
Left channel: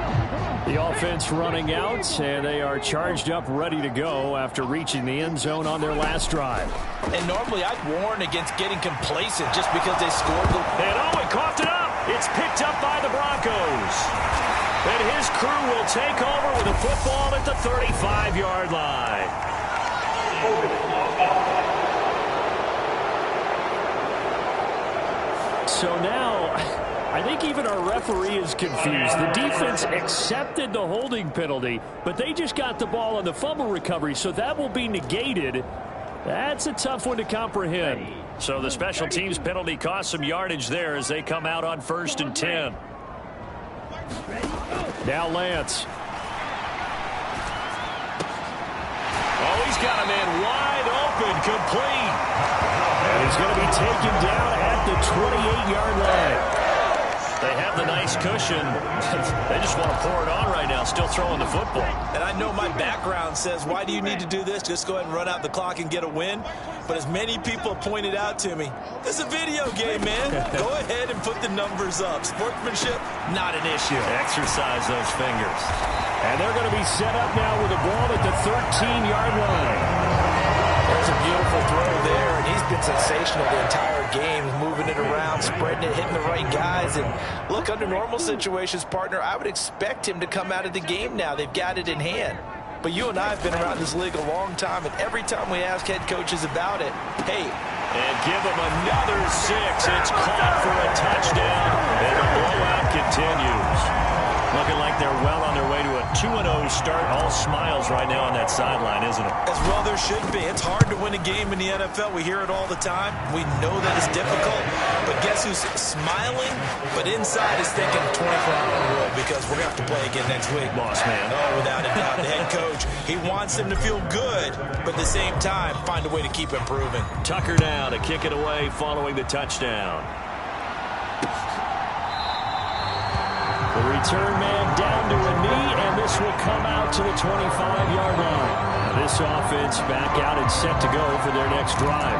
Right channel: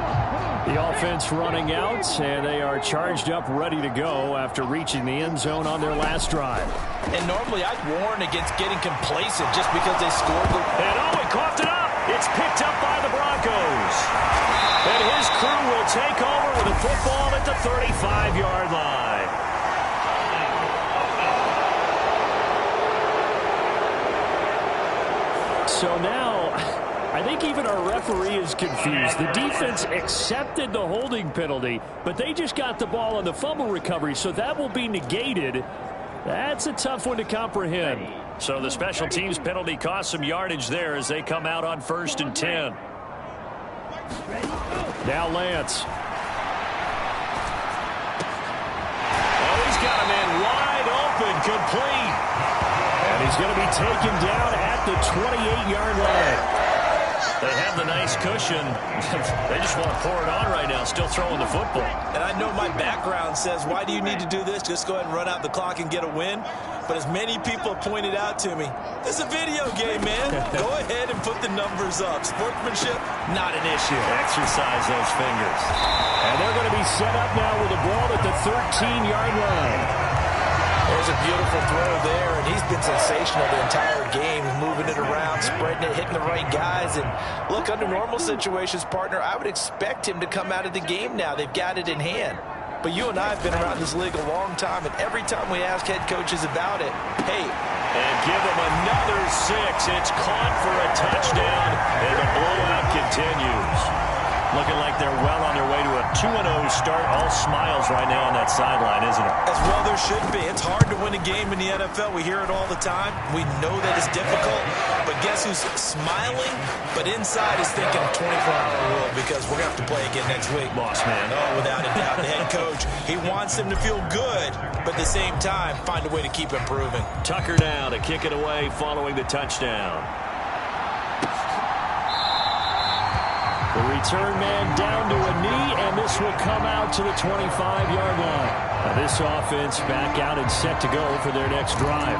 The offense running out, and they are charged up, ready to go after reaching the end zone on their last drive. And normally I'd warn against getting complacent just because they scored the... And he coughed it up. It's picked up by the Broncos. And his crew will take over with a football at the 35-yard line. So now, I think even our referee is confused. The defense accepted the holding penalty, but they just got the ball on the fumble recovery, so that will be negated. That's a tough one to comprehend. So the special teams penalty cost some yardage there as they come out on 1st and 10. Now Lance. Oh, he's got a man wide open, complete. And he's going to be taken down at the 28-yard line. They have the nice cushion. They just want to pour it on right now, still throwing the football. And I know my background says, why do you need to do this? Just go ahead and run out the clock and get a win. But as many people pointed out to me, this is a video game, man. Go ahead and put the numbers up. Sportsmanship, not an issue. Exercise those fingers. And they're going to be set up now with a ball at the 13-yard line. There's a beautiful throw there, and he's been sensational the entire game, moving it around, spreading it, hitting the right guys. And look, under normal situations, partner, I would expect him to come out of the game now. They've got it in hand. But you and I have been around this league a long time, and every time we ask head coaches about it, hey. And give him another 6. It's caught for a touchdown, and the blowout continues. Looking like they're well on their way to a 2-0 start. All smiles right now on that sideline, isn't it? As well there should be. It's hard to win a game in the NFL. We hear it all the time. We know that it's difficult. But guess who's smiling? But inside is thinking 24-hour rule, because we're going to have to play again next week. Boss man. Oh, without a doubt. The head coach, he wants them to feel good, but at the same time, find a way to keep improving. Tucker now to kick it away following the touchdown. The return man down to a knee, and this will come out to the 25-yard line. Now this offense back out and set to go for their next drive.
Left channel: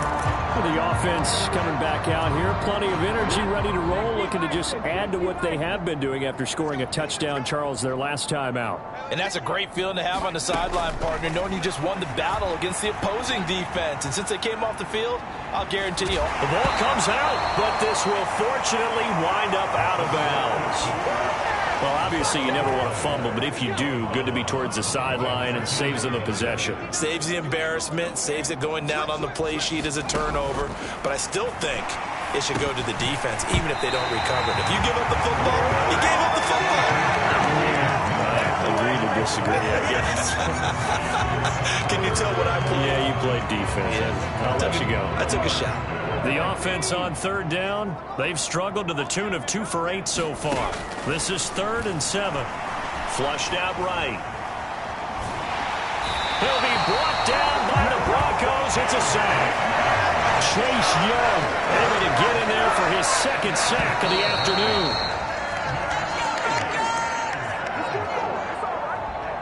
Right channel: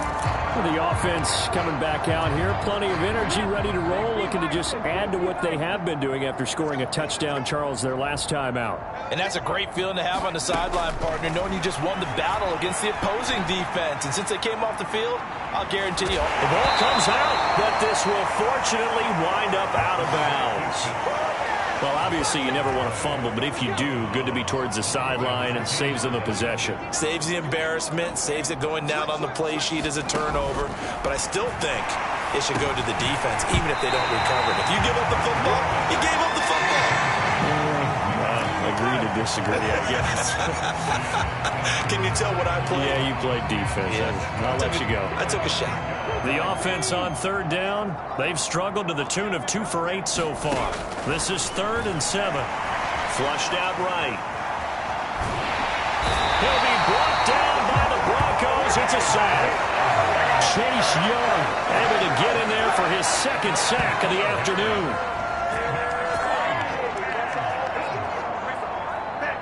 The offense coming back out here, plenty of energy, ready to roll, looking to just add to what they have been doing after scoring a touchdown, Charles, their last time out. And that's a great feeling to have on the sideline, partner, knowing you just won the battle against the opposing defense. And since they came off the field, I'll guarantee you. The ball comes out, but this will fortunately wind up out of bounds. Well, obviously, you never want to fumble, but if you do, good to be towards the sideline. It saves them the possession. Saves the embarrassment, saves it going down on the play sheet as a turnover. But I still think it should go to the defense, even if they don't recover it. If you give up the football, you gave up the football. I agree to disagree, I guess. Can you tell what I played? Yeah, you played defense. Yeah. I'll let you go. I took a shot. The offense on third down, they've struggled to the tune of 2 for 8 so far. This is 3rd and 7. Flushed out right. He'll be brought down by the Broncos. It's a sack. Chase Young able to get in there for his 2nd sack of the afternoon.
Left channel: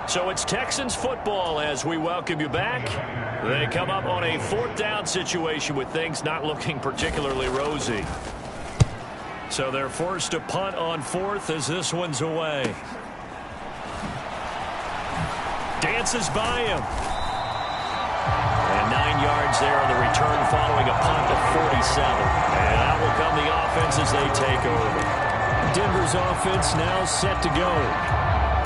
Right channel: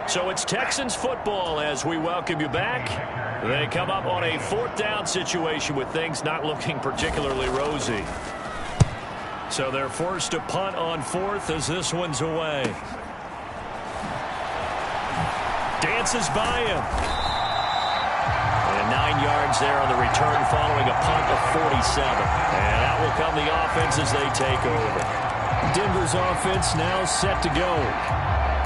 So it's Texans football as we welcome you back. They come up on a 4th down situation with things not looking particularly rosy. So they're forced to punt on 4th as this one's away. Dances by him. And 9 yards there on the return following a punt of 47. And out will come the offense as they take over. Denver's offense now set to go.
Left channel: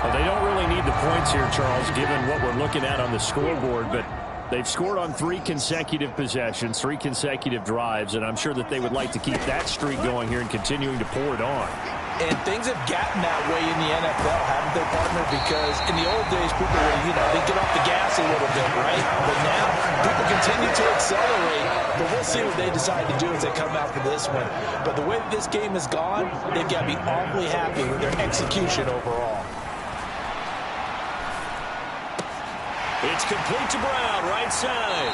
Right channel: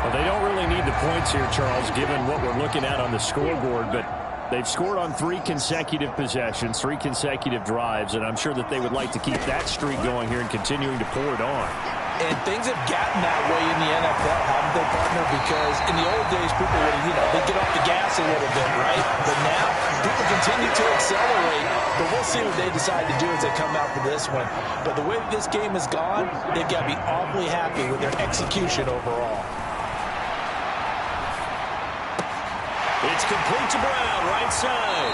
Well, they don't really need the points here, Charles, given what we're looking at on the scoreboard, but they've scored on 3 consecutive possessions, 3 consecutive drives, and I'm sure that they would like to keep that streak going here and continuing to pour it on. And things have gotten that way in the NFL, haven't they, partner? Because in the old days, people would, they'd get off the gas a little bit, right? But now, people continue to accelerate. But we'll see what they decide to do as they come out for this one. But the way that this game has gone, they've got to be awfully happy with their execution overall. It's complete to Brown, right side.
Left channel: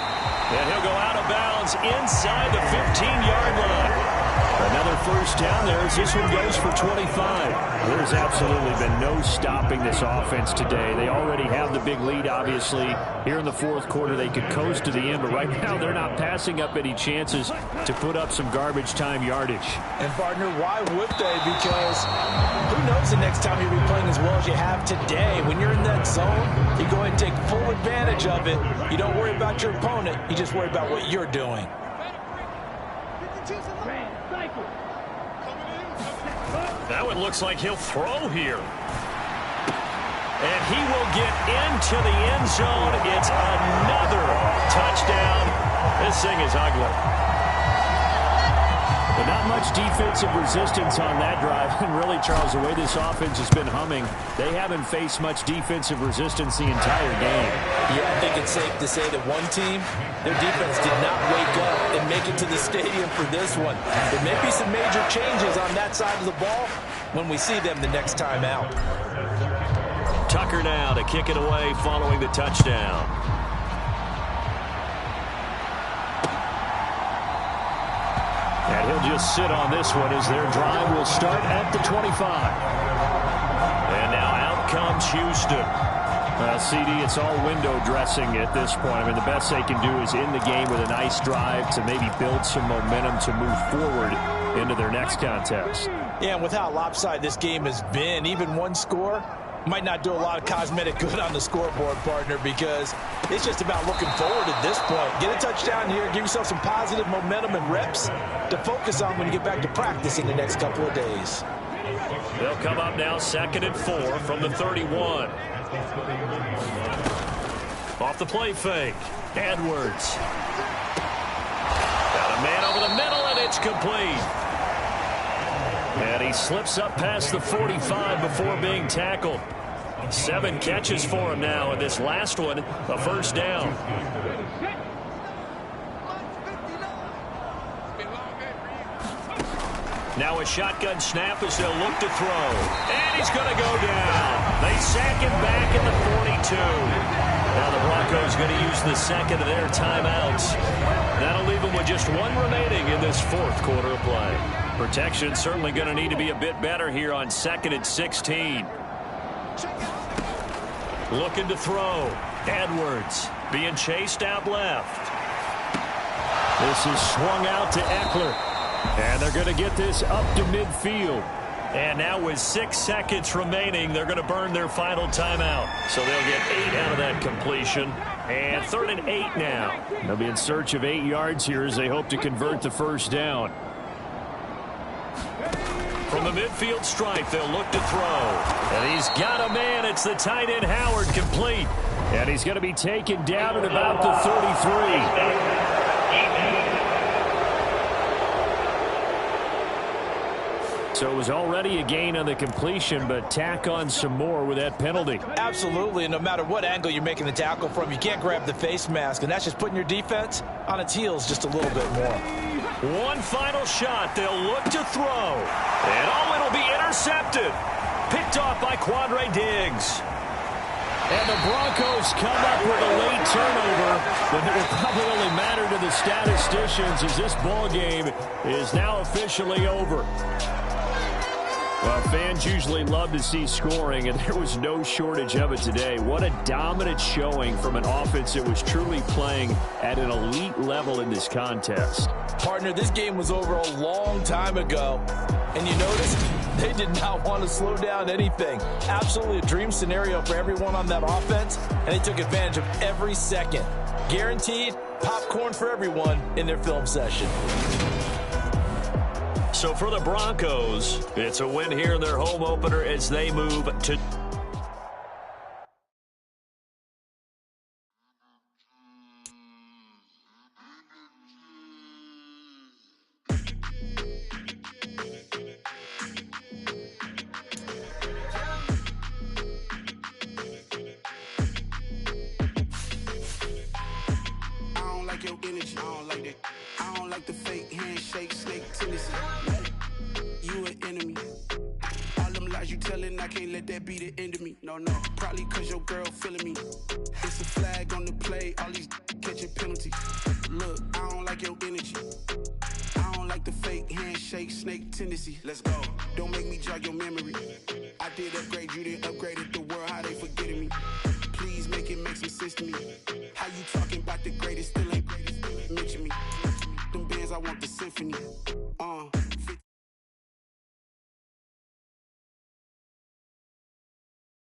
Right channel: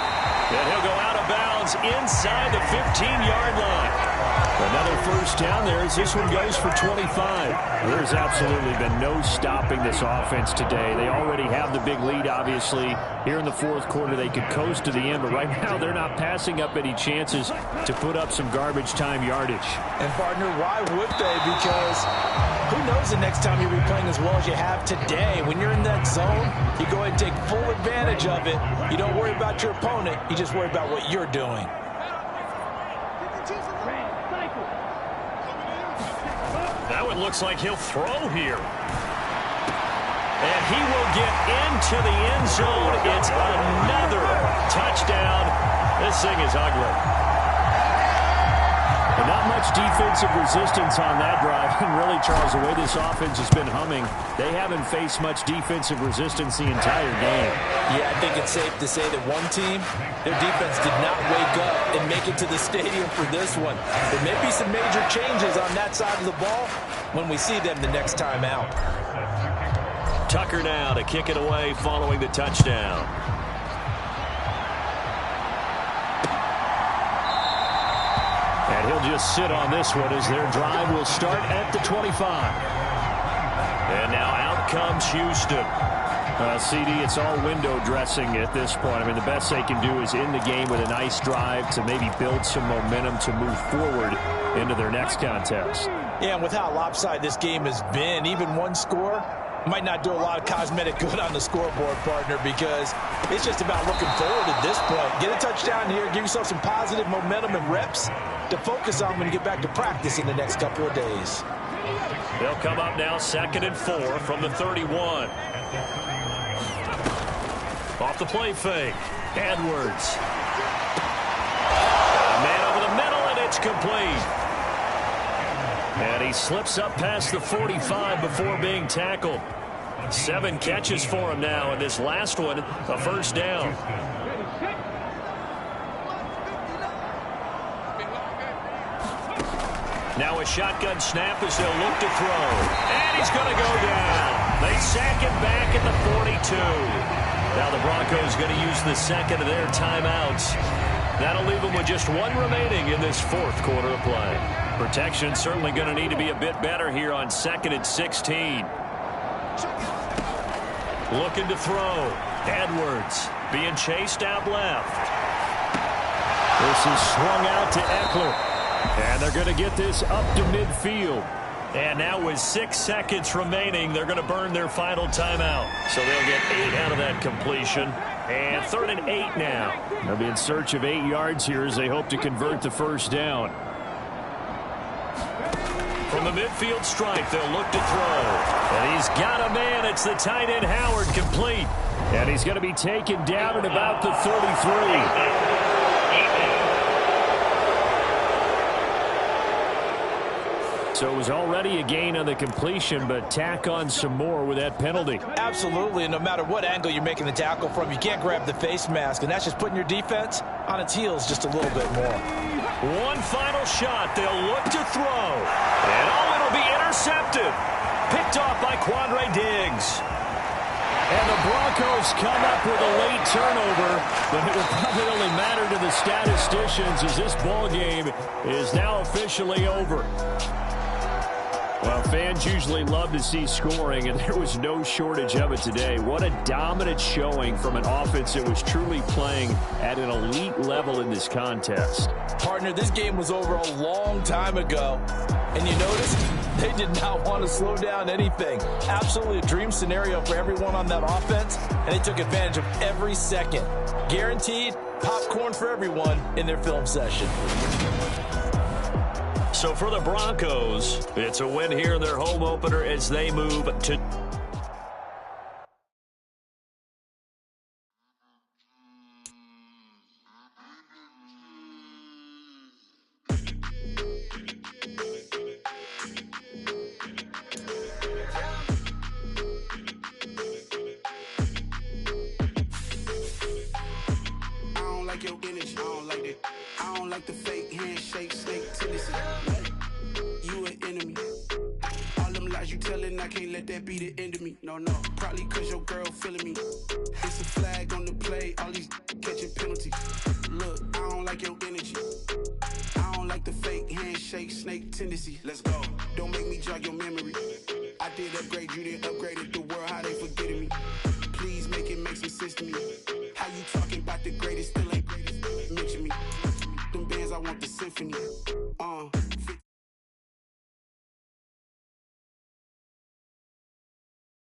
And he'll go out of bounds inside the 15-yard line. Another first down there as this one goes for 25. There's absolutely been no stopping this offense today. They already have the big lead, obviously. Here in the 4th quarter, they could coast to the end, but right now they're not passing up any chances to put up some garbage time yardage. And, partner, why would they? Because who knows the next time you'll be playing as well as you have today. When you're in that zone, you go ahead and take full advantage of it. You don't worry about your opponent. You just worry about what you're doing. That one looks like he'll throw here. And he will get into the end zone. It's another touchdown. This thing is ugly. But not much defensive resistance on that drive. And really, Charles, the way this offense has been humming, they haven't faced much defensive resistance the entire game. Yeah, I think it's safe to say that one team, their defense did not wake up and make it to the stadium for this one. There may be some major changes on that side of the ball when we see them the next time out. Tucker now to kick it away following the touchdown. And he'll just sit on this one as their drive will start at the 25. And now out comes Houston. CD, it's all window dressing at this point. I mean, the best they can do is end the game with a nice drive to maybe build some momentum to move forward into their next contest. Yeah, and with how lopsided this game has been, even one score might not do a lot of cosmetic good on the scoreboard, partner, because it's just about looking forward at this point. Get a touchdown here, give yourself some positive momentum and reps to focus on when you get back to practice in the next couple of days. They'll come up now 2nd and 4 from the 31. Off the play fake. Edwards. Got a man over the middle, and it's complete. And he slips up past the 45 before being tackled. 7 catches for him now, and this last one, a first down. Now a shotgun snap as they'll look to throw. And he's going to go down. They sack him back at the 42. Now the Broncos going to use the second of their timeouts. That'll leave them with just 1 remaining in this 4th quarter of play. Protection certainly going to need to be a bit better here on 2nd and 16. Looking to throw. Edwards being chased out left. This is swung out to Eckler. And they're going to get this up to midfield. And now with 6 seconds remaining, they're going to burn their final timeout. So they'll get 8 out of that completion. And 3rd and 8 now. They'll be in search of 8 yards here as they hope to convert the first down. From the midfield stripe, they'll look to throw. And he's got a man. It's the tight end, Howard, complete. And he's going to be taken down at about the 33. So it was already a gain on the completion, but tack on some more with that penalty. Absolutely, and no matter what angle you're making the tackle from, you can't grab the face mask, and that's just putting your defense on its heels just a little bit more. One final shot. They'll look to throw. And oh, it'll be intercepted. Picked off by Quandre Diggs. And the Broncos come up with a late turnover, but it will probably only matter to the statisticians as this ball game is now officially over. Well, fans usually love to see scoring, and there was no shortage of it today. What a dominant showing from an offense that was truly playing at an elite level in this contest. Partner, this game was over a long time ago, and you noticed they did not want to slow down anything. Absolutely a dream scenario for everyone on that offense, and they took advantage of every second. Guaranteed popcorn for everyone in their film session. So for the Broncos, it's a win here in their home opener as they move to... Your energy, I don't like that. I don't like the fake handshake, snake tendency. You an enemy. All them lies you telling, I can't let that be the end of me. No, probably cause your girl feeling me. It's a flag on the play, all these catching penalties. Look, I don't like your energy. I don't like the fake handshake, snake tendency. Let's go. Don't make me jog your memory. I did upgrade, you didn't upgrade it. The world, how they forgetting me. Please make it make some sense to me. How you talking about the greatest, still ain't greatest, mention me. Them bands, I want the symphony.